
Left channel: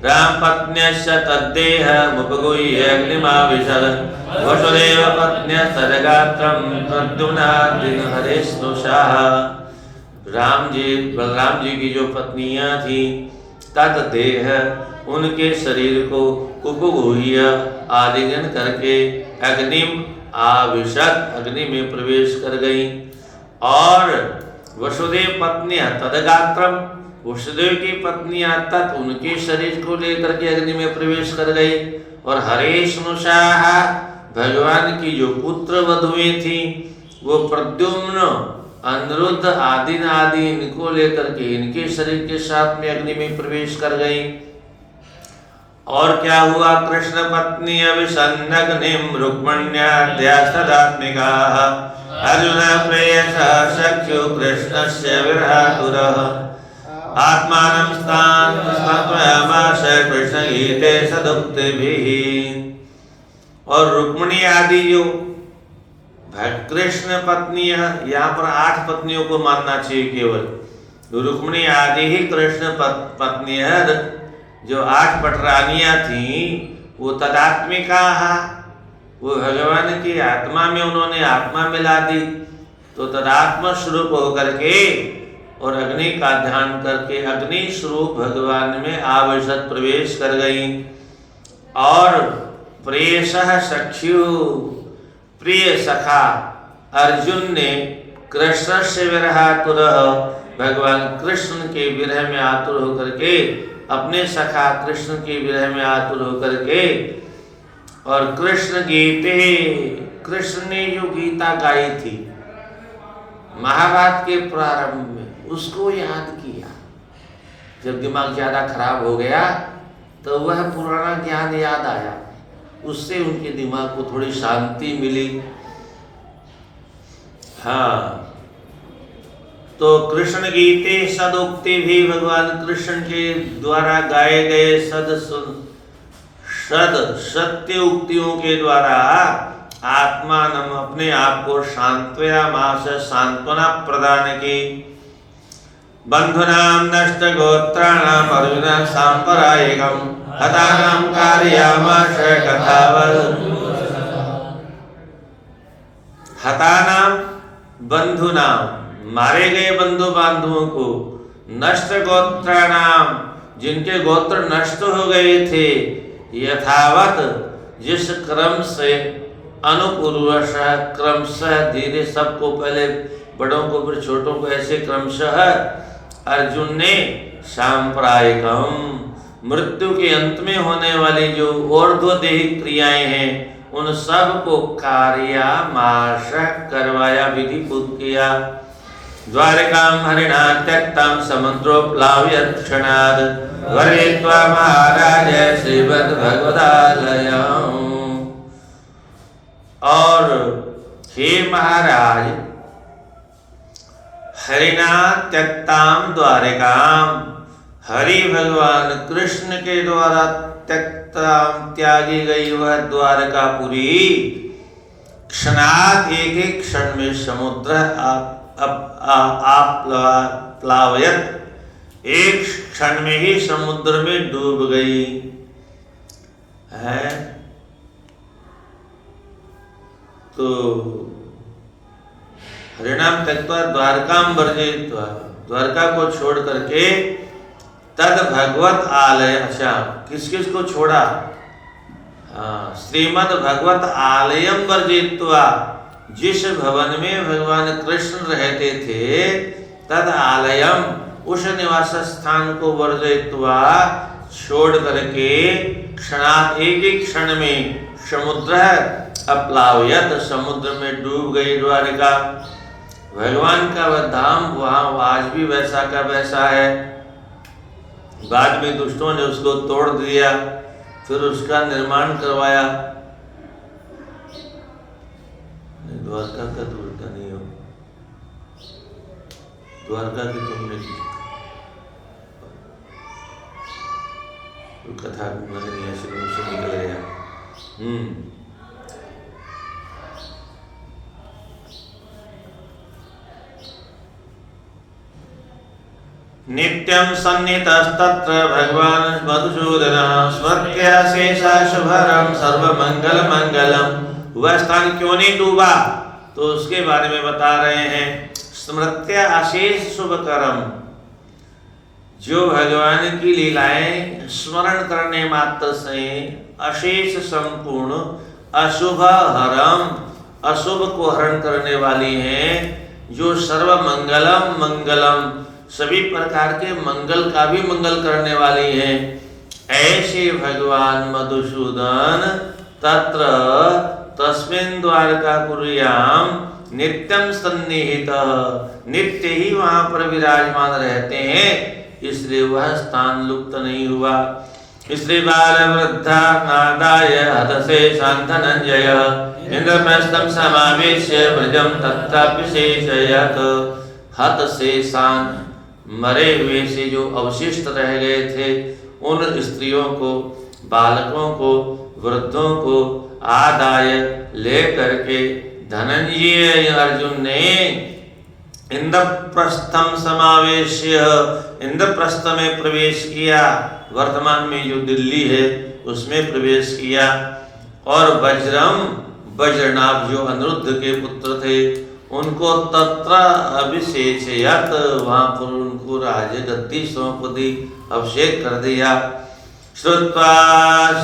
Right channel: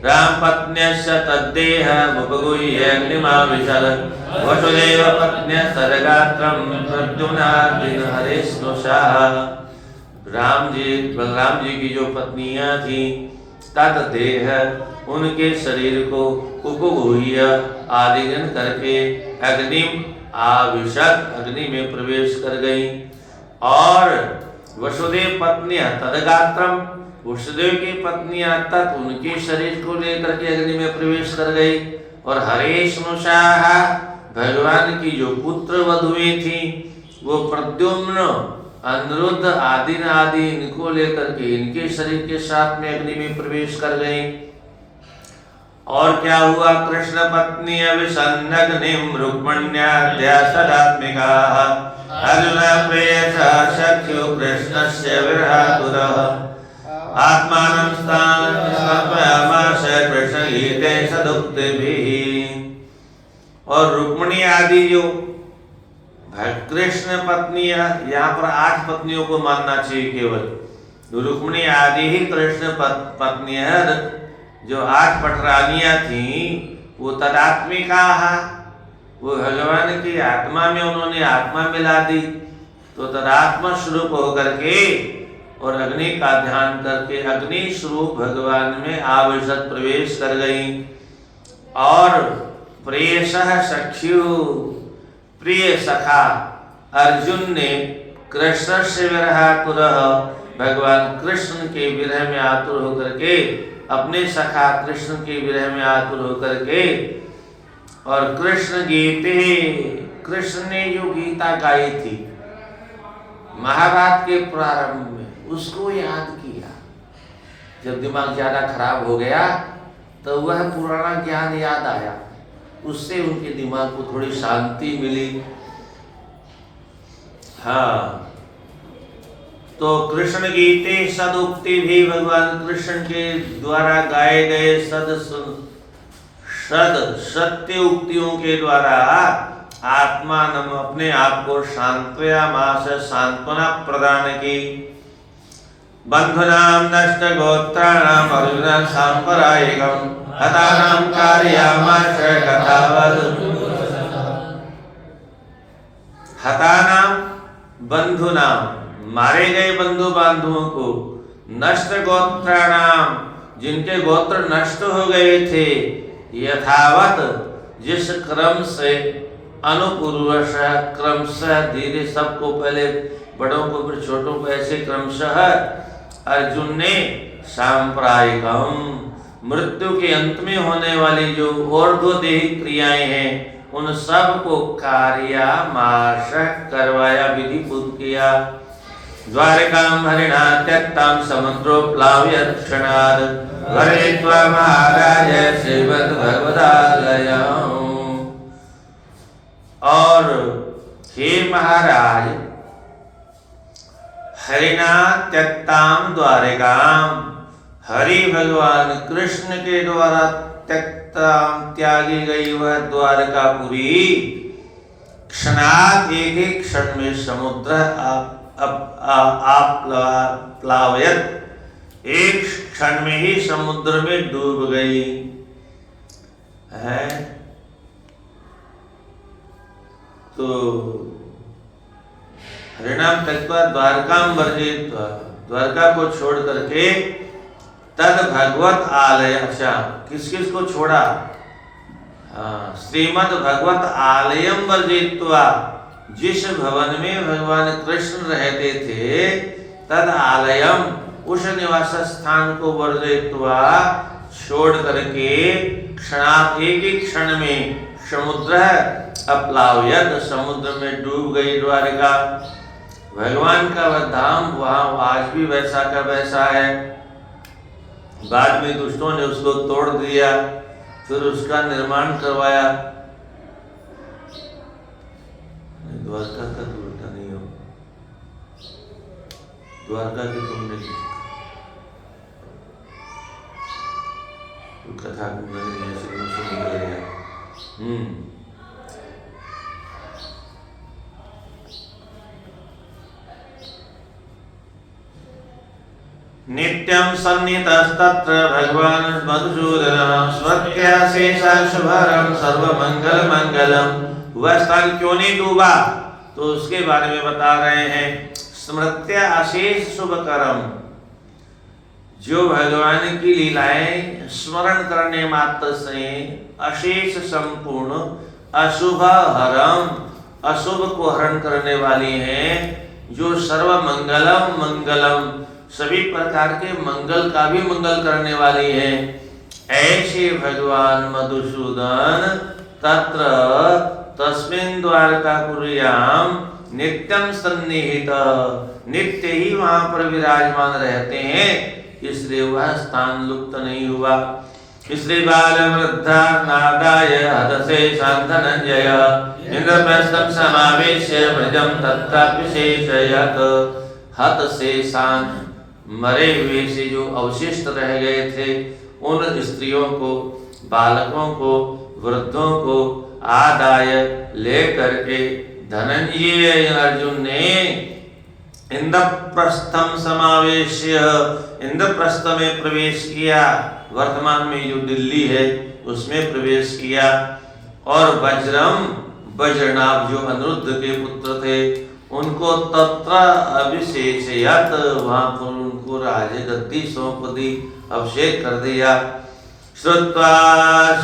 राम पत्न्यस्य तद्देह उपगुह्य अग्निमाविशद वसुदेव पत्न्य सरगात्रम प्रद्युम्नादिन हरेष्णुषाः। राम जी बलराम जी की जो पत्नियां थी तद्देह उनके शरीर को उपगुह्य आलिंगन करके अग्निम आविशद अग्नि में प्रवेश कर गई। और वसुदेव पत्नियां तदगात्रम वसुदेव की पत्नियां तत् उनके शरीर को लेकर के अग्नि में प्रवेश कर गई। और हरेष्णुषाः भगवान की जो पुत्र वधुएं थी वो प्रद्युम्न अनिरुद्ध आदि इनको लेकर के इनके शरीर के साथ में अग्नि में प्रवेश कर गई। और क्या हुआ, कृष्ण पत्नी अभिसन्नग्निम रुक्मण्याद्या सदात्मिकाः अर्जुन प्रेयसा सख्यो कृष्णस्य विरहातुरः आत्मानं स्थान समयामास कृष्ण गीते सदुक्तिभिः। और रुक्मिणी आदि जो कृष्ण पत्नियां, यहाँ पर 8 पत्नियों को मानना चाहिए केवल। रुक्मिणी आदि ही कृष्ण पत्नियां जो 8 पटरानियां थी वो तदात्मिका, वो भगवान की आत्मा में उन्होंने आत्मा मिला दी तो तदात्मा स्वरूप होकर के और अग्नि का ध्यान करके अग्नि स्वरूप भगवान में आविशद प्रवेश कर गई। और प्रेयसः सख्यु प्रिय सखा अर्जुन ने कृष्ण से विरहातुरः भगवान कृष्ण के विरह में आतुर होकर के अपने सखा कृष्ण के विरह में आतुर होकर के और कृष्ण गीते, कृष्ण ने जो गीता गाई थी महाभारत के प्रारंभ में, उसको याद किया। जब दिमाग ज्यादा खराब हो गया तो वह पुराना ज्ञान याद आया, उससे उनके दिमाग को थोड़ी शांति मिली। हाँ, तो कृष्ण गीते सदोक्ति भी भगवान कृष्ण के द्वारा गाए गए सत्य उक्तियों के द्वारा आत्मानम अपने आप को शांत्वयामास सांत्वना प्रदान की। बंधुनाम नष्ट गोत्राणाम अर्जुन सांपरायिकम हतानाम कारयामास कथावल। हतानाम बंधुनाम, मारे गए बंधु बांधवों को, नष्ट गोत्राणाम, जिनके गोत्र नष्ट हो गए थे, यथावत, जिस क्रम से, अनुपूर्वशः क्रमशः, धीरे सबको, पहले बड़ों को फिर छोटों को, ऐसे क्रमशः अर्जुन ने सांप्रायिकम, मृत्यु के अंत में होने वाली जो ऊर्ध्वदेही क्रियाएं हैं उन सब को कार्यामाश करवाया, विधिपूत किया। द्वारिकाम हरिणा त्यक्ताम समुद्रोप्लाव्यत् क्षणात् वरेत्वा महाराज श्रीमद् भगवदालयम्। और हे महाराज, हरिणा त्यक्ताम द्वारिकाम, हरि भगवान कृष्ण के द्वारा त्यक्ताम, त्यागी गई वह द्वारकापुरी, क्षणात, एक एक क्षण में, समुद्र आप प्लावयत, एक क्षण में ही समुद्र में डूब गई है। तो हरिणाम त्यक्त्वा द्वारकाम वर्जयित्वा, द्वारका को छोड़ करके, तद भगवत आलय, अच्छा किस किस को छोड़ा? हाँ, श्रीमद् भगवत आलयम वर्जयित्वा, जिस भवन में भगवान कृष्ण रहते थे, तद आलयम, उस निवास स्थान को वर्जयित्वा, छोड़ करके, क्षणात, एक एक क्षण में, समुद्र अप्लाव्यत, समुद्र में डूब गई द्वारिका। भगवान का वह धाम वहां आज भी वैसा का वैसा है। बाद में दुष्टों ने उसको तोड़ दिया, फिर उसका निर्माण करवाया। द्वारका का तोड़ता नहीं हो, द्वारका की तुमने कथा नहीं से निकल गया। नित्यं सन्निधस्तत्र भगवान मधुसूदनः स्वस्त्यशेषशुभरं सर्वमंगलमंगलम। वह स्थान क्यों नहीं डूबा, तो उसके बारे में बता रहे हैं। स्मृत्य अशेष शुभकरम, जो भगवान की लीलाएं स्मरण करने मात्र से अशेष संपूर्ण, अशुभ हरम, अशुभ को हरण करने वाली हैं, जो सर्व मंगलम मंगलम, सभी प्रकार के मंगल का भी मंगल करने वाली है। ऐसे भगवान मधुसूदन तत्र तस्मिन् द्वारकापुर्याम नित्यम सन्निहित, नित्य ही वहां पर विराजमान रहते हैं, इसलिए वह स्थान लुप्त नहीं हुआ। इसलिए बाल वृद्धा नादाय हदसे शांतनंजय इंद्रप्रस्थम समावेश्य भजम तत्रापिशेषयत्। हत से शांत, मरे हुए से जो अवशिष्ट रह गए थे, उन स्त्रियों को, बालकों को, वृद्धों को आदाय ले करके धनंजय अर्जुन ने इंद्रप्रस्थम समावेश्य, इंद्रप्रस्थ में प्रवेश किया, वर्तमान में जो दिल्ली है उसमें प्रवेश किया। और वज्रम, वज्रनाभ जो अनिरुद्ध के पुत्र थे, उनको तत्र अभिषेचयत्, वहां पर उनको राजगद्दी सौंप दी, अभिषेक कर दिया। श्रुत्वा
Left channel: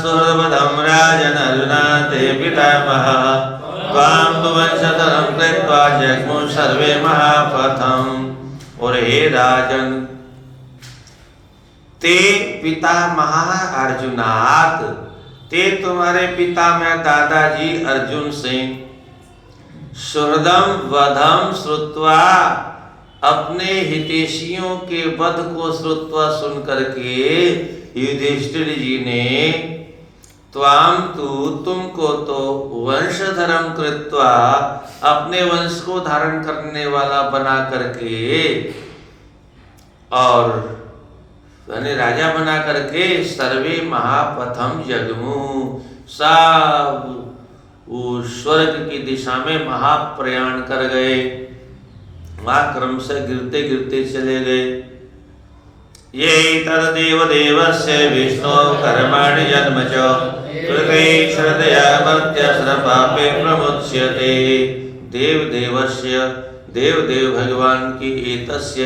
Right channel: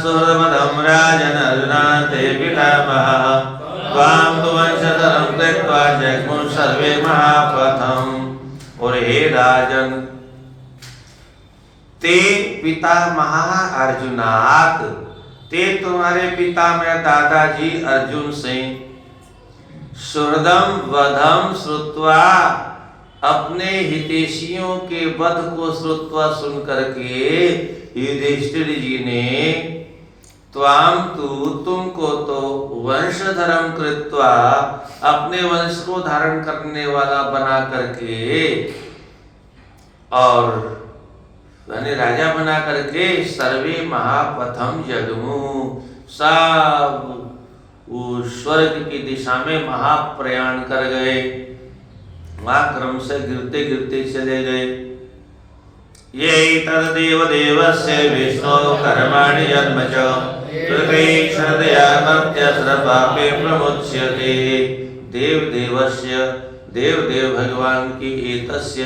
सुहृदमदं राजन् अर्जुनाते पितामहः त्वां तु वंशधरं त्यक्त्वा जग्मुः सर्वे महापथम्। और हे राजन, ते पितामहः अर्जुनात्, ते तुम्हारे पिता में दादाजी अर्जुन सिंह सुहृदम वधम श्रुत्वा, अपने हितैषियों के वध को श्रुत्वा सुन करके युधिष्ठिर जी ने त्वाम तु, तुमको तो वंशधरम कृत्वा, अपने वंश को धारण करने वाला बना करके और यानी राजा बना करके सर्वे महापथम जगमु, सब वो स्वर्ग की दिशा में महाप्रयाण कर गए, क्रम से गिरते गिरते चले गए। ये तदेव देवस्य विष्णु कर्माणि जन्म च कृते श्रद्धया मर्त्य सर्वपापे प्रमुच्यते। देव देवस्य, देव देव भगवान की एतस्य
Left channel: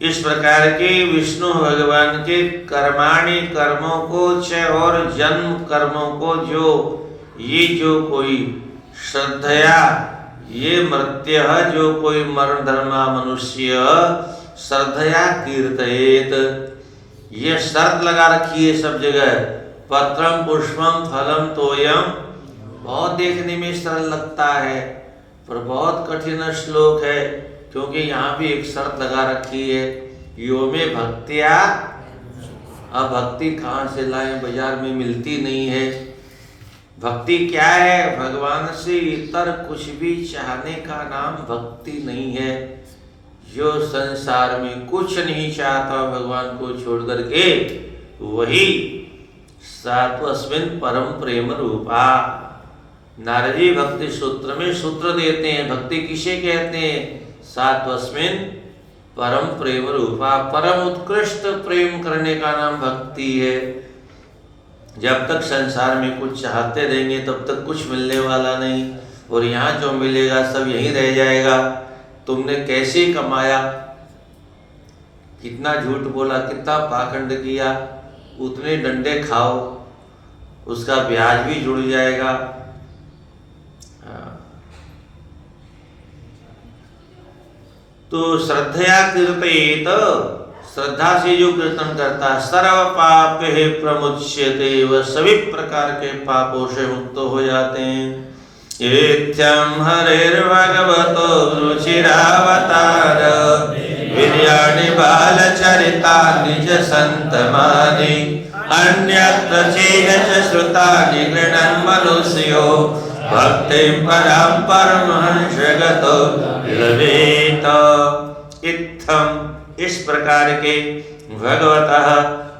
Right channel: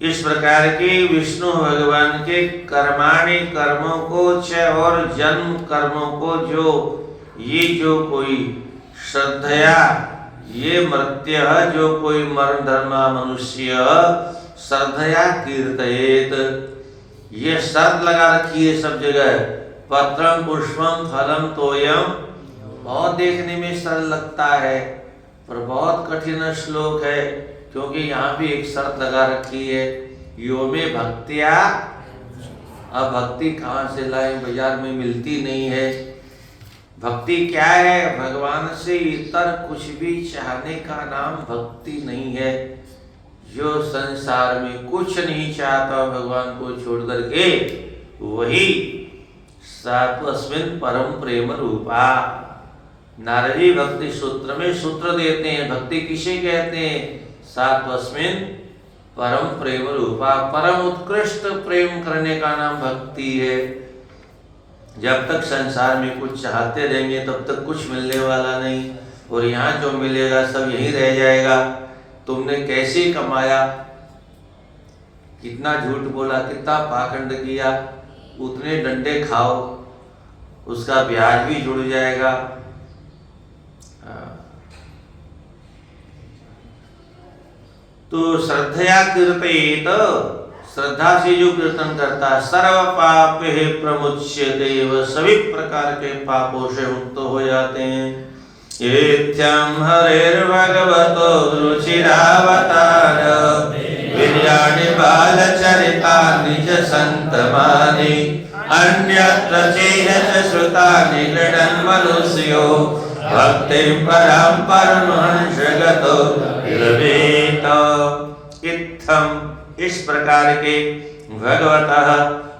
इस प्रकार के विष्णु भगवान के कर्माणि कर्मों को च और जन्म कर्मों को जो कोई श्रद्धया, ये मर्त्य जो कोई मरण धर्मा मनुष्य श्रद्धया कीर्तयेत, ये शर्त लगा रखी है सब जगह, पत्रम पुष्पम फलम तोयम, बहुत देखने में सरल लगता है पर बहुत कठिन श्लोक है, क्योंकि यहाँ भी एक शर्त लगा रखी है, यो में भक्तिया। अब भक्ति कहाँ से लाएं, बाजार में मिलती नहीं है। भक्ति क्या है? भगवान से इतर कुछ भी चाहने का नाम भक्ति नहीं है। जो संसार में कुछ नहीं चाहता भगवान को छोड़ करके, वही सात्वस्मिन् परम प्रेम रूपा। नारद जी भक्ति सूत्र में सूत्र देते हैं, भक्ति किसे कहते हैं? सात्वस्मिन् परम प्रेम रूपा, परम उत्कृष्ट प्रेम करने का नाम भक्ति है। जब तक संसार में कुछ चाहते रहेंगे तब तक कुछ मिलने वाला नहीं, और यहाँ जो मिलेगा सब यहीं रह जाएगा। तुमने कैसे कमाया, कितना झूठ बोला, कितना पाखंड किया, उतने डंडे खाओ, उसका ब्याज भी जुड़ जाएगा। तो श्रद्धया कीर्तयेत, श्रद्धा से जो कीर्तन करता सर्व पाप है प्रमुच्यते, वह सभी प्रकार के पापों से मुक्त हो जाते हैं। येत्यं हरिर्भगवतो रुचिरावतार, विद्याणि बालचरितानि च सन्तमानि, अन्यत्र चेह श्रुतानि गृह्णन् मनुष्यो, भक्तिं परां परमहंसगतो लभेत। इत्थम, इस प्रकार के भगवतः,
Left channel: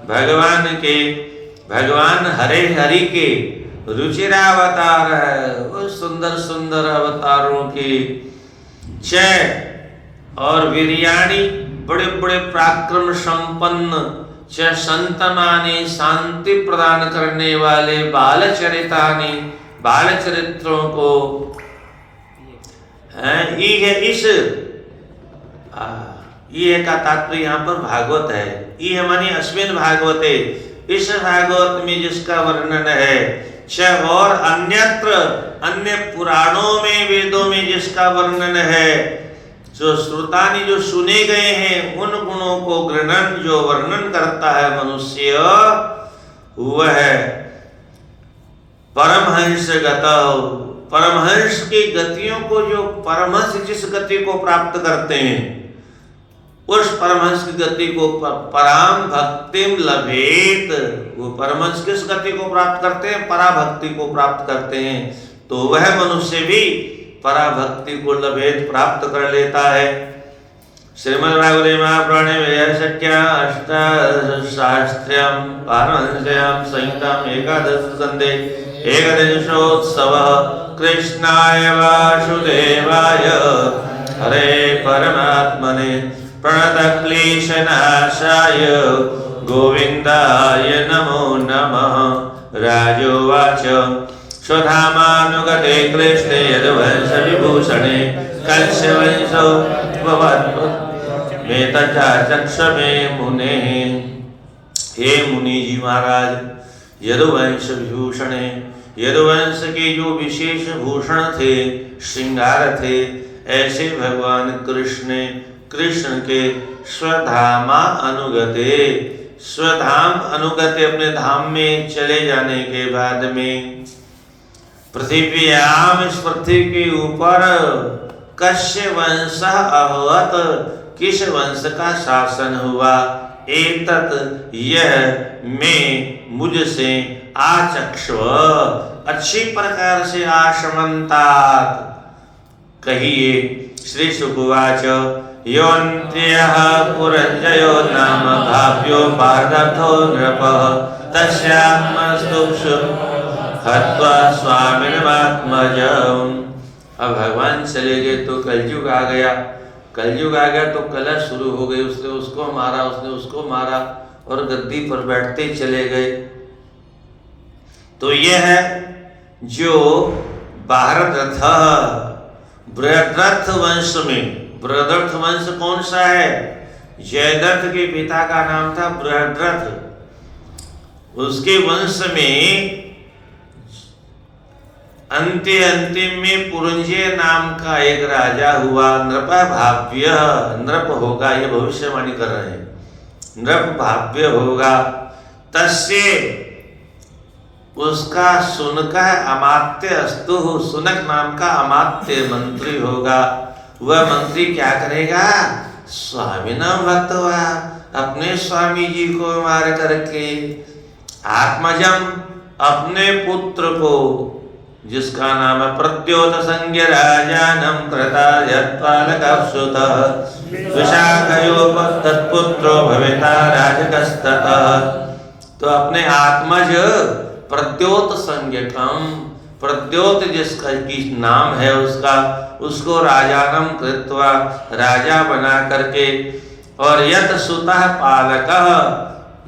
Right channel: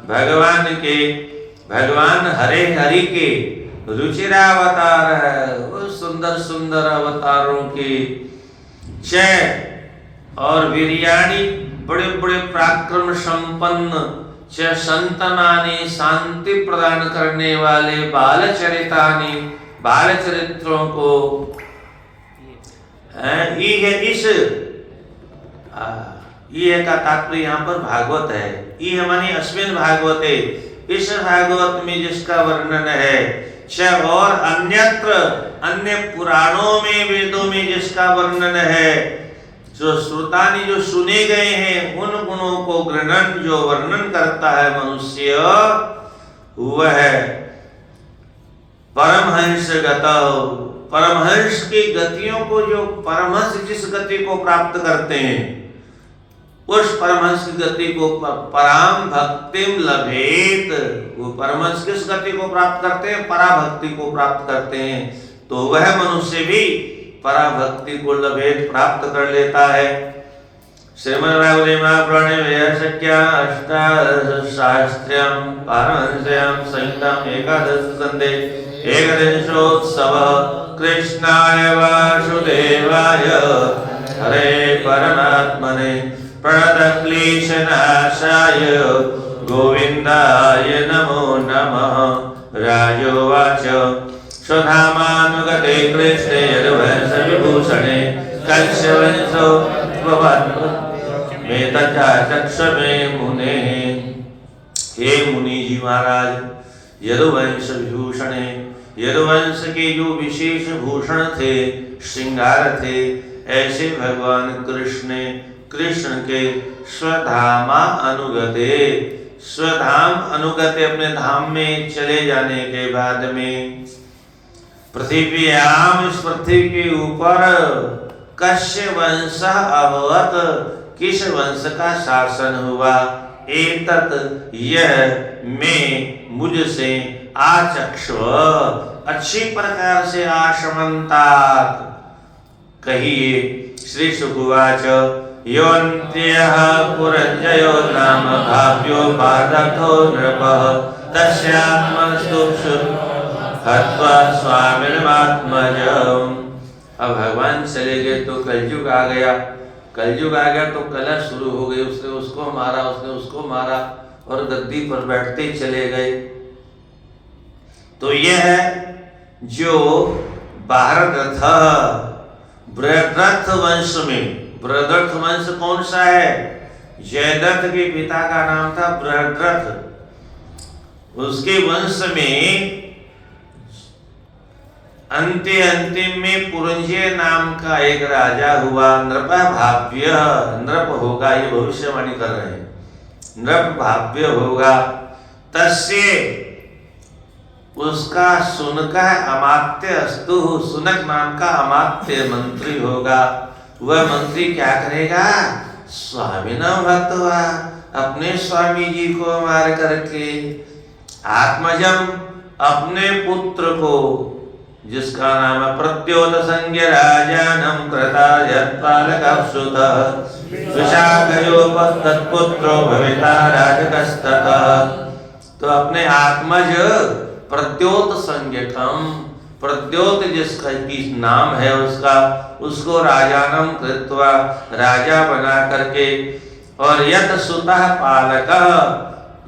भगवान के, भगवान हरे हरि के रुचिरावतार है, वो सुंदर सुंदर अवतारों के, च और वीर्याणि बड़े बड़े पराक्रम संपन्न, च संतमानि शांति प्रदान करने वाले, बालचरितानि बाल चरित्रों को इस ये का तात्पर्य यहाँ पर भागवत है। ये मानी अस्मिन् भागवते, इस भागवत में जिसका वर्णन है, च और अन्यत्र, अन्य पुराणों में, वेदों में जिसका वर्णन है, जो श्रुतानि जो सुने गए हैं, उन गुणों को गृह्णन जो वर्णन करता है मनुष्य, वह परमहंस गतौ, परमहंस की गतियों को, जो परमहंस जिस गति को प्राप्त करते हैं, उस परमहंस की गति को पराम भक्तिम लभेत। वो परमहंस किस गति को प्राप्त करते हैं? पराभक्ति को प्राप्त करते हैं। तो वह मनुष्य भी पराभक्ति को लभेत, प्राप्त कर लेता है। श्रीमद् भागवते महापुराणे वैयासक्या अष्टादशशास्त्र्यं पारमहंस्यां संहितां एकादश स्कन्धे एकदिनोत्सवः कृष्णाय वासुदेवाय हरे परमात्मने प्रणतक्लेशनाशाय गोविन्दाय नमो नमः। राजोवाच स्वधामानुगते कृष्णे यदुवंशविभूषणे कश्यवंशो मे तथा चक्ष मे मुने। हे मुनि जी महाराज, यदुवंश विभूषणे, यदुवंश के जो विशेष भूषण थे, श्रृंगार थे, ऐसे भगवान कृष्ण के स्वधामा अनुगते, स्वधाम अनुगत्य अपने धाम में चले जाने के बाद में पृथ्व्याम इस पृथ्वी के ऊपर कस्य वंश अभवत किस वंश का शासन हुआ। एतत यह मैं मुझसे आचक्ष्व अच्छी प्रकार से आशमंतात कहिए। श्री शुकवाच योऽन्त्यः पुरञ्जयो नाम काव्यो पार्थो नृपः तस्यात्मस्तुषु हत्वा स्वामिनमात्मजम्। अब भगवान चले गए तो कलयुग आ गया। कलयुग आ गया तो कलह शुरू हो गई। उसने उसको मारा, उसने उसको मारा और गद्दी पर बैठते चले गए। तो यह है जो भारत बृहद्रथ वंश में, बृहद्रथ वंश कौन सा है? जयद्रथ के पिता का नाम था बृहद्रथ। उसके वंश में अंतिम में पुरंजय नाम का एक राजा हुआ। नृप भाव्य, नृप होगा, ये भविष्यवाणी कर रहे हैं। नृप भाव्य होगा। तस्य उसका सुनक अमात्य अस्तु, सुनक नाम का अमात्य मंत्री होगा। वह मंत्री क्या करेगा? स्वामी नाम भक्त हुआ, अपने स्वामी जी को मार करके आत्मजम अपने पुत्र को, जिसका नाम है प्रद्योत संज्ञ राजानम कृता यत्पालकः सुतः विशाखयोपतत्पुत्रो भविता राजकस्ततः। तो अपने आत्मज प्रद्योत संज्ञकम, प्रद्योत जिसका की नाम है उसका, उसको राजानम कृत्वा राजा बना करके, और यत सुतः पालकः,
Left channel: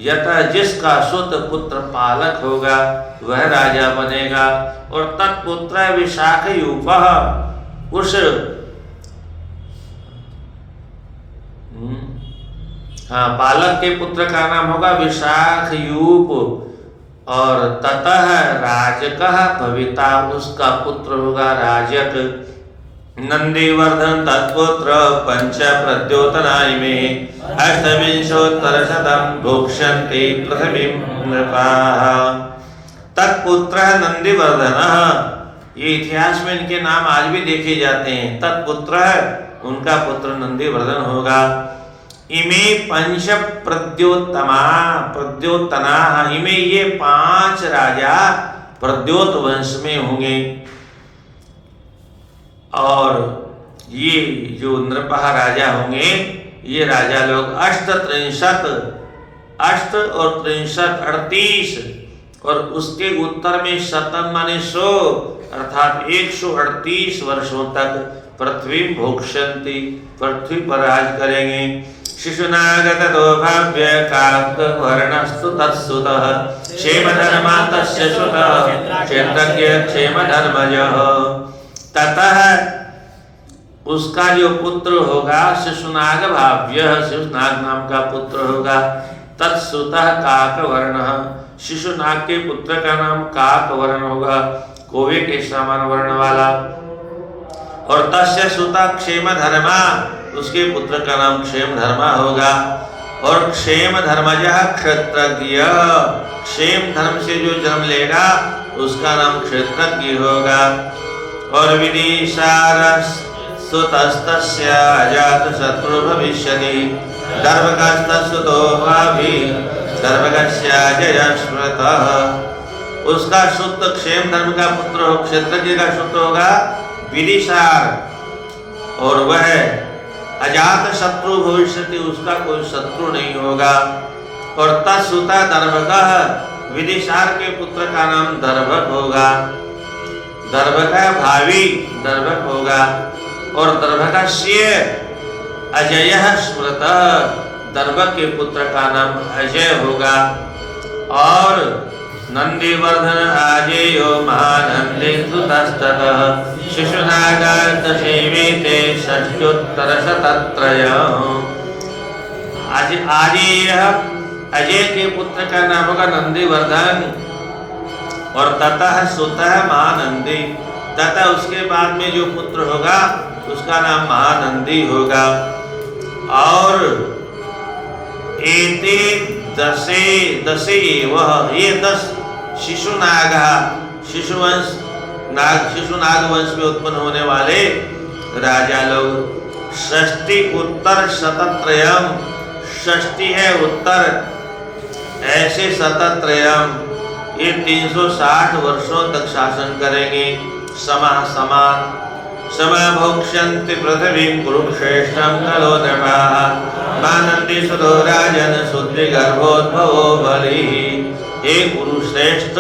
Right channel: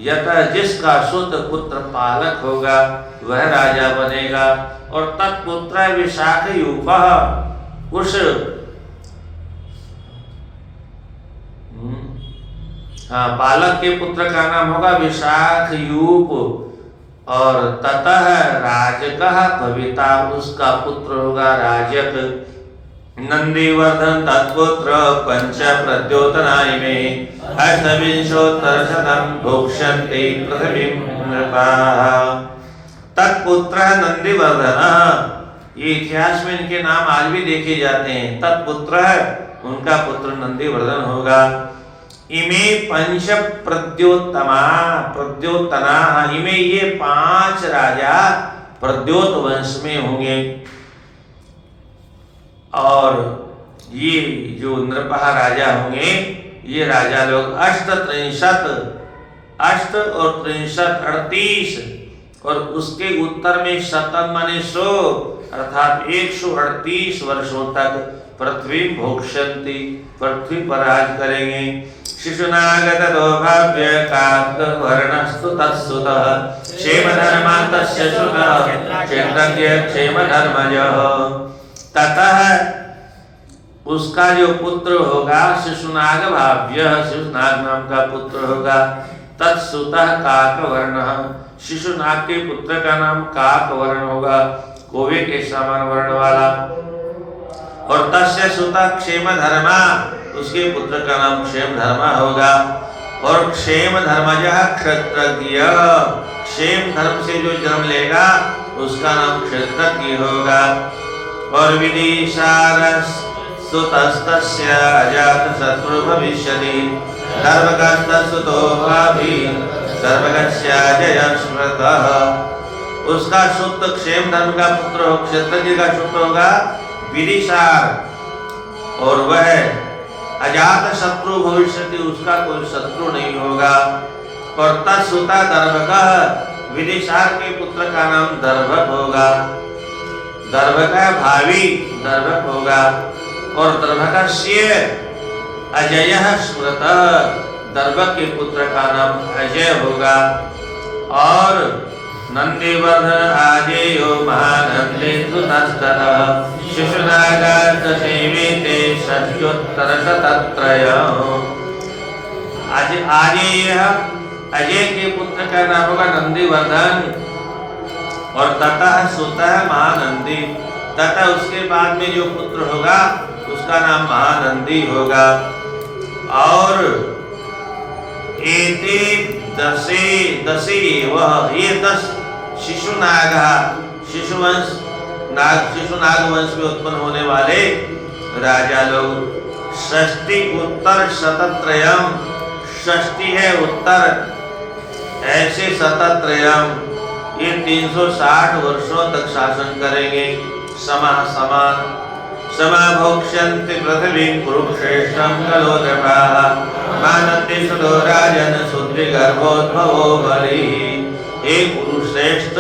यत जिसका सुत पुत्र पालक होगा वह राजा बनेगा। और तत्पुत्र विशाखयूपः, उस पालक के पुत्र का नाम होगा विशाखयूप। और ततः राजकः भविता, उसका पुत्र होगा राजक। नंदीवर्धन तत्पुत्र पंच प्रद्योतनाय में अष्टविंशोत्तर शतम भोक्ष्यन्ते पृथ्वीं नृपाः। तत्पुत्र नंदीवर्धन, ये इतिहास में इनके नाम आज भी देखे जाते हैं। तत्पुत्र उनका पुत्र नंदीवर्धन होगा। इमे पंच प्रद्योतमा, प्रद्योतना, इमे ये 5 राजा प्रद्योत वंश में होंगे। और ये जो नृपः राजा होंगे, ये राजा लोग अष्ट और 38, और उसके उत्तर में शतम माने 100, अर्थात 138 वर्षों तक पृथ्वी भोक्ष्यन्ति, पृथ्वी पर राज करेंगे। शिशुनागत दोभाव्य काकवर्णस्तु तत्सुतः क्षेमधर्मा तस्य सुतः क्षेत्रज्ञ क्षेमधर्मजः। ततः उसका जो पुत्र होगा शिशुनाग भाव्य, शिशुनाग नाम का पुत्र होगा। तत्सुतः काकवर्णः, शिशुनाग के पुत्र का नाम काकवर्ण होगा, कोवे के समान वर्ण वाला। और तस्य सुतः क्षेमधर्मा, उसके पुत्र का नाम क्षेमधर्मा होगा। और क्षेमधर्मजः क्षत्रज्ञ, क्षेम धर्म से जो जन्म लेगा उसका नाम क्षत्रज्ञ होगा। और विदिशारः सुतस्तस्य अजातशत्रु भविष्यति गर्भगस्तसुतो भावी गर्भगस्याजयः स्मृतः। उसका सुत क्षेम धर्म का पुत्र हो, क्षत्रज्ञ का सुत होगा विदिशार, और वह अजात शत्रु भविष्यति, उसका कोई शत्रु नहीं होगा। और तत्सुता दर्भकः, विदिशार के पुत्र का नाम दर्भक होगा। दर्भक भावी दर्भक होगा। और दर्भकस्य अजयः स्मृतः, दर्भक के पुत्र का नाम अजय होगा। और नंदीवर्धन आजेयो महानंदीसुतस्ततः शिशुनागार्धसेविते षष्ट्युत्तरशतत्रयः। अजय के पुत्र का नाम होगा नंदीवर्धन। और ततः सुतः महानंदी, तथा उसके बाद में जो पुत्र होगा उसका नाम महानंदी होगा। और एते दसे वह ये 10 शिशु नाग वंश में उत्पन्न होने वाले राजा लोग। षष्टि उत्तर शतत्रयम, षष्टि है उत्तर, ऐसे शतत्रयम ये 360 वर्षों तक शासन करेंगे। समान समाभोक्ष्यन्ति पृथ्वीं कुरुश्रेष्ठं खलु नृपाः मानन्ति सुतो राजन् शूद्रगर्भोद्भवो बलिः। हे कुरुश्रेष्ठ,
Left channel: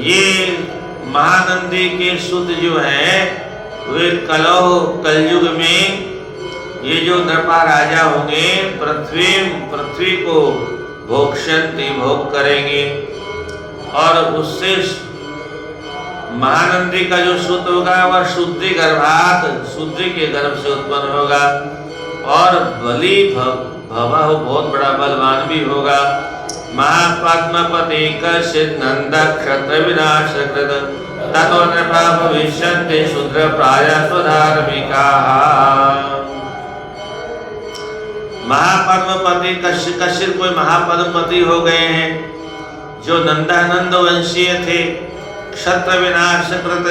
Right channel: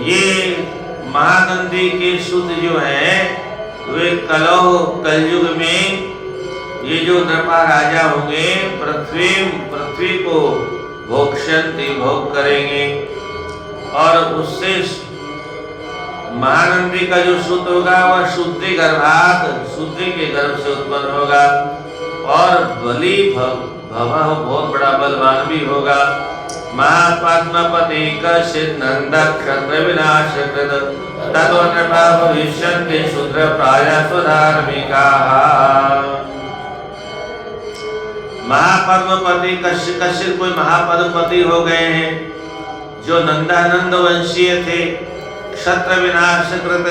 ये महानंदी के सूत जो है वे कलयुग में ये जो नृपा राजा होंगे पृथ्वी को भोक्ष्यन्ति भोग करेंगे, और उससे महानंदी का जो सूत होगा वह शूद्री गर्भात, शूद्री के गर्भ से उत्पन्न होगा, और बलि बहुत बड़ा बलवान भी होगा। महापद्मपति कश्चित् नंद क्षत्र विनाश कृत ततो नृपा भविष्यन्ति शूद्र प्रायः स्वधार्मिकाः। महापद्मपति कश्चित् कोई महापद्मपति हो गए हैं जो नंदानंद वंशीय थे, क्षत्र विनाश कृत,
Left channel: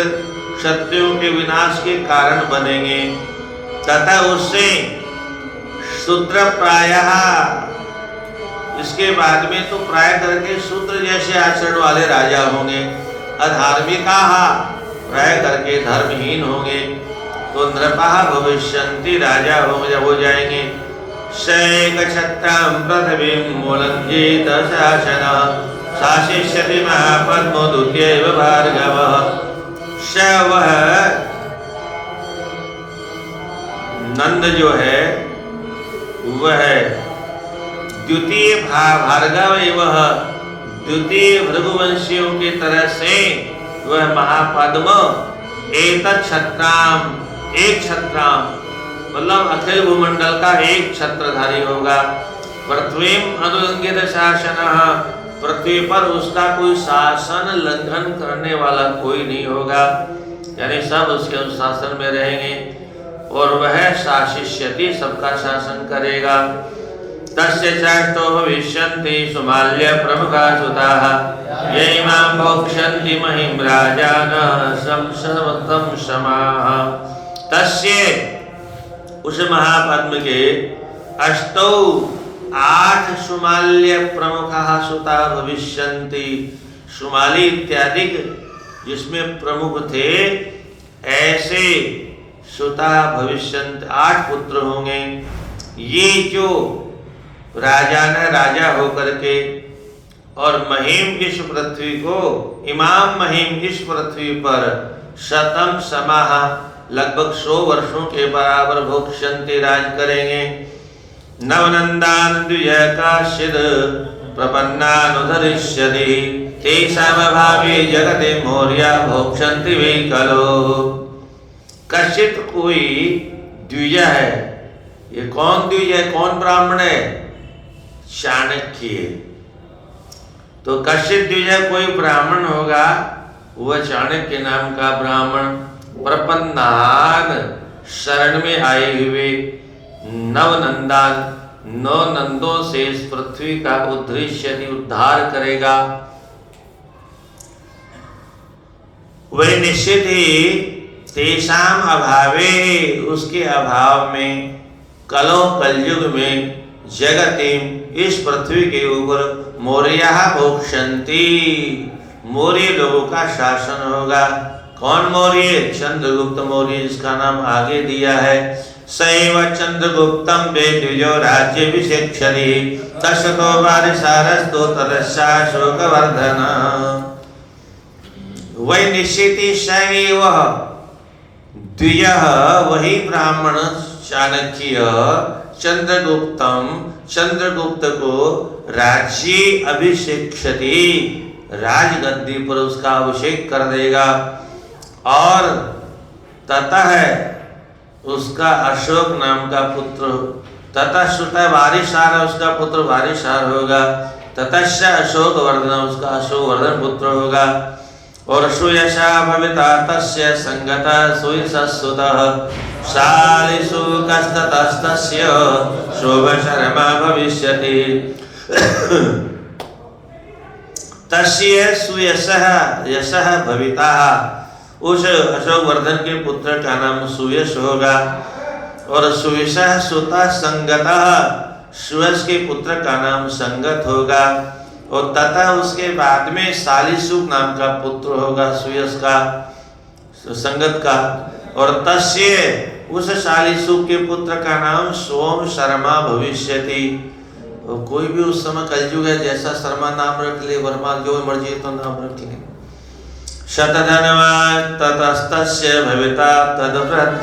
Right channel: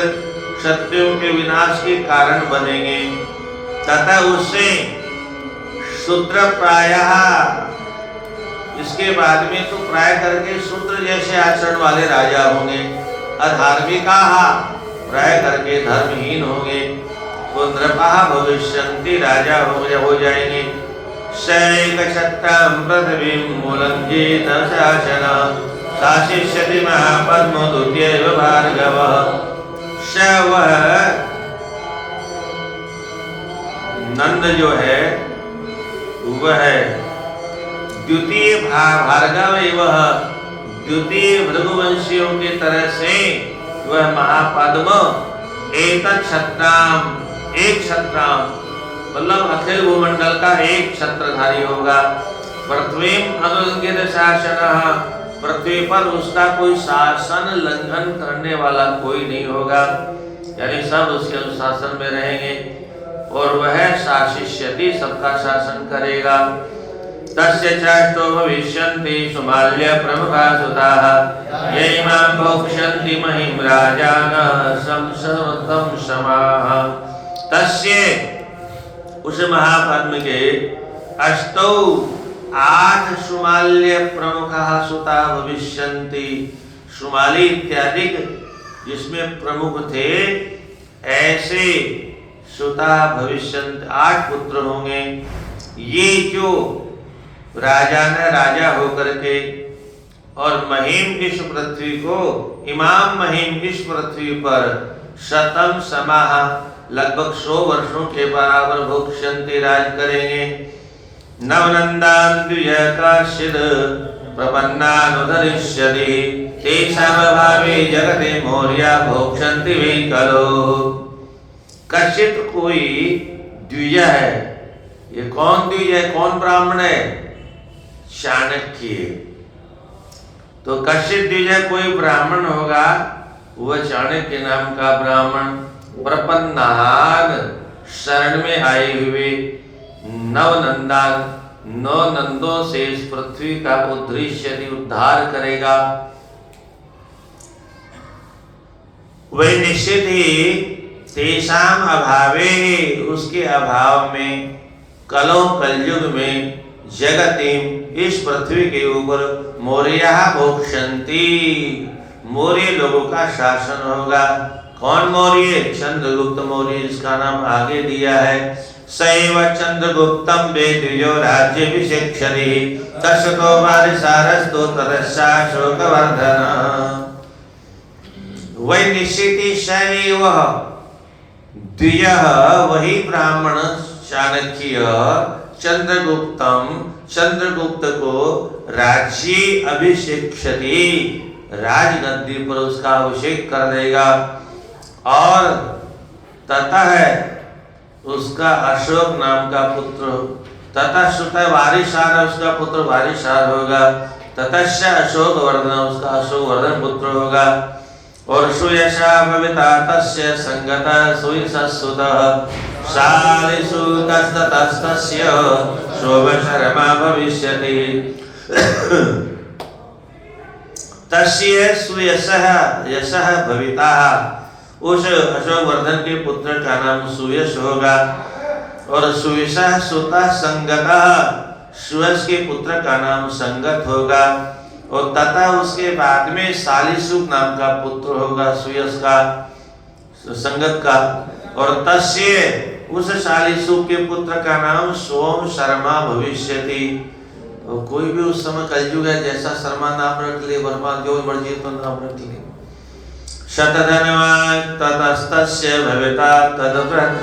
क्षत्रियों के विनाश के कारण बनेंगे, तथा उससे शूद्र प्रायः, इसके बाद में तो प्राय करके शूद्र जैसे आचरण वाले राजा होंगे, अधार्मिकाः प्राय करके धर्महीन होंगे, तो नृपाः भविष्यन्ति राजा हो जाएंगे। शैकछत्रं पृथिवीं मूलञ्जेत शासनः शासिष्यति महापद्मो द्वितीयैव भार्गवः। श वह नंद जो है वह द्वितीय भार्गव वह द्वितीय भृगुवंशियों की तरह से वह महापद्म एतत् क्षत्राम, एक क्षत्राम मतलब अखिल भूमंडल का एक छत्रधारी होगा। पृथ्वी अनुलंघित शासन, पृथ्वी पर उसका कोई शासन लंघन करने वाला कोई नहीं होगा, यानी सब उसके अनुशासन में रहेंगे, और वह शासिष्यति सबका शासन करेगा। तस्य चाष्टो भविष्यन्ति सुमाल्य प्रमुखा सुताः यैमां भोक्ष्यन्ति महिं राजानः संसर्वतं समाः। तस्य उस महापद्म के अष्टौ 8 सुमाल्य प्रमुखः सुता भविष्यन्ति, सुमाली इत्यादि जिसमें प्रमुख थे ऐसे सुता भविष्यन्ति, 8 पुत्र होंगे। ये जो राजा होकर के और महीम इस पृथ्वी को, इमाम महीम इस पृथ्वी पर शतम समाह लगभग 100 वर्षों के बराबर भोक्ष्यन्ति राज करेंगे। नवनंदान द्विजकाश्चिद् प्रपन्नानुधरिष्यति तेषामभावे जगते मौर्या भोक्ष्यन्ति वै खलु। कश्चित् कोई द्विज है, ये कौन द्विज है, कौन ब्राह्मण है? चाणक्य। तो कश्चित् द्विज कोई ब्राह्मण होगा, वह चाणक्य नाम का ब्राह्मण प्रपन्नान शरण में आए हुए नवनंदान, 9 नंदों से इस पृथ्वी का उद्धार करेगा। वह निश्चित ही तेषाम अभावे, उसके अभाव में, कलयुग में, जगतिम इस पृथ्वी के ऊपर मौर्यः भोक्ष्यन्ति, मौर्य लोगों का शासन होगा। कौन मौर्य? चंद्रगुप्त मौर्य, जिसका नाम आगे दिया है। सैव चंद्रगुप्तम वेद्विजो राज्याभिषेक्षति तस्तो वारिसारस्तो तदस्या शोकवर्धन। वही निश्चित सैव द्विज, वही ब्राह्मण चाणक्य चंद्रगुप्तम, चंद्रगुप्त को राज्य अभिषेक्षति, राजगद्दी पर उसका अभिषेक कर देगा, और ततः उसका अशोक नाम का पुत्र, ततः सुत वारिसार, उसका पुत्र वारिसार होगा, ततश्च अशोक वर्धन, उसका अशोक वर्धन पुत्र होगा, और सुयशा भविता तस्य संगता सुयशसुतः शालिषु कस्ततस्तस्य शोभशर्मा भविष्यति तस्य सुयशः यशः भविता, उस अशोक वर्धन के पुत्र का नाम सुयश होगा। और सुयशः सुता संगतः, सुयश के पुत्र का नाम संगत होगा। और तथा उसके बाद में शालीसुक नाम का पुत्र होगा सुयश का, संगत का। और तस्य, उस शालीसुक के पुत्र का नाम सोम शर्मा भविष्यति। कोई भी उस समय कलयुग है, जैसा शर्मा नाम रख ले, वर्मा जो मर्जी तो नाम रखेंगे। शतधनवान् ततस्तस्य भविता तदव्रत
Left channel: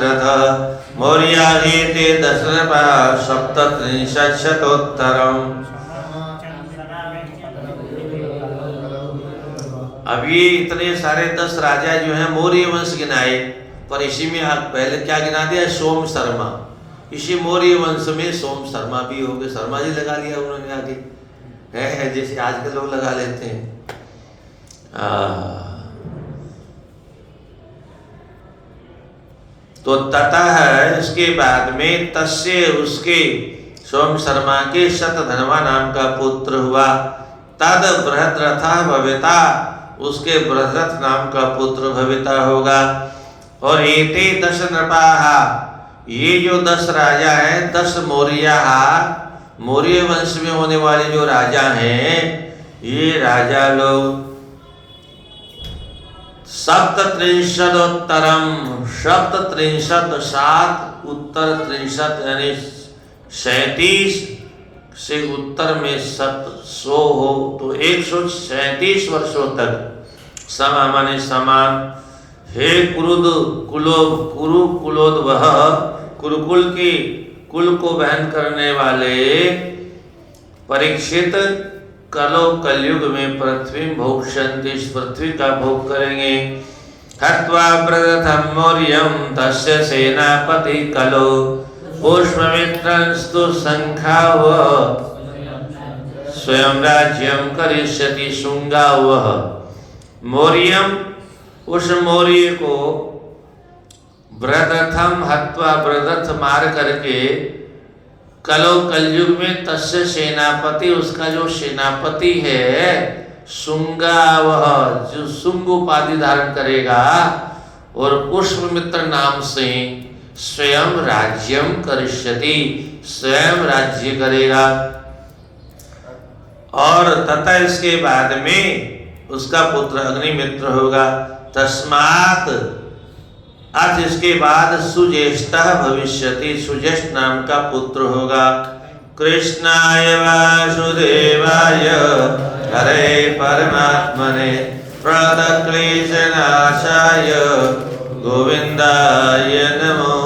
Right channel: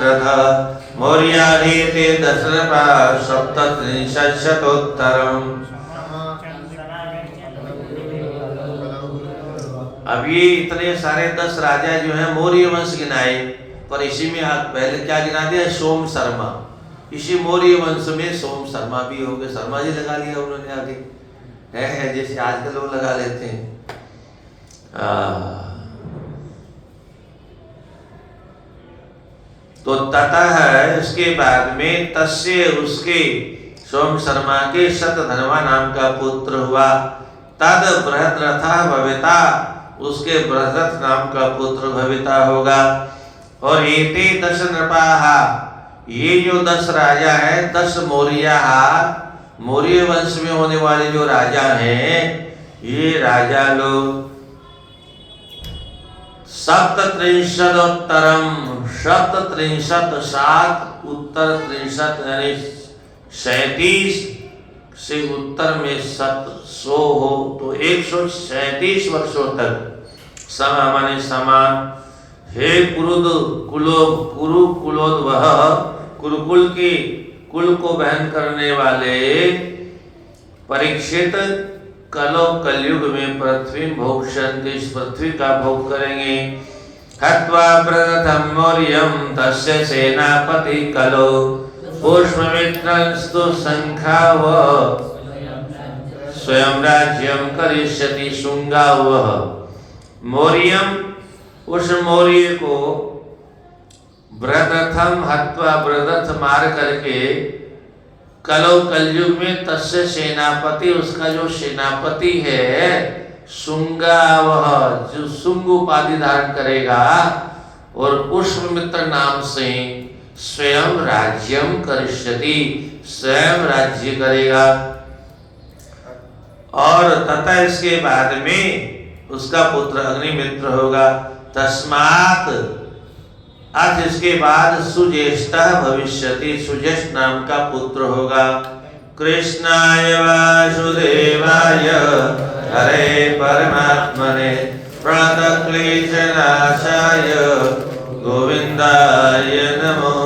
मौर्या हेते दशरथा सप्तत्रिंशत्शतोत्तरम्। अब ये इतने सारे 10 राजा जो हैं मौर्य वंश गिनाए, पर इसी में आप पहले क्या गिना दिया? सोम शर्मा। इसी मौर्य वंश में सोम शर्मा भी हो गए, शर्मा जी लगा लिया उन्होंने आगे, है जैसे आजकल लोग लगा लेते हैं। तो तथा है, इसके बाद में तस्य, उसके सोम शर्मा के शतधनवा नाम का पुत्र हुआ। तद बृहद्रथा भविता, उसके बृहद्रथ नाम का पुत्र भविता होगा। और एते 10 नृपाः, ये जो 10 राजा हैं, 10 मौर्याः, मौर्य वंश में होने वाले जो राजा हैं, ये राजा लोग सप्तत्रिंशदोत्तरम, सप्तत्रिंशत 7 उत्तर 63 यानी 37 से उत्तर में 100 हो तो 137 वर्षों तक समा माने समान। हे कुरु कुलोद्भव, कुरुकुल के कुल को बहन करने वाले परीक्षित, कलो कलयुग में पृथ्वी भोक्ष्यन्ति, इस पृथ्वी का भोग करेंगे। हत्वा प्रथम मौर्यं तस्य सेनापति कलो पुष्पमित्रंस्तु संख्याव स्वयं राज्यं करिष्यति शुंगाव। मौर्यम, उस मौर्य को बृहद्रथम हत्वा, बृहद्रथ मार करके, कलो कलयुग में तस्य सेनापति, उसका जो सेनापति है शुंगावह, जो शुंग उपाधि धारण करेगा, और पुष्पमित्र नाम से स्वयं राज्यम करिष्यति, स्वयं राज्य करेगा। और तथा इसके बाद में उसका पुत्र अग्निमित्र होगा। तस्मात्, अथ इसके बाद सुज्येष्ठः भविष्यति, सुज्येष्ठ नाम का पुत्र होगा। कृष्णाय वासुदेवाय हरे परमात्मने प्रणतक्लेशनाशाय गोविन्दाय नमो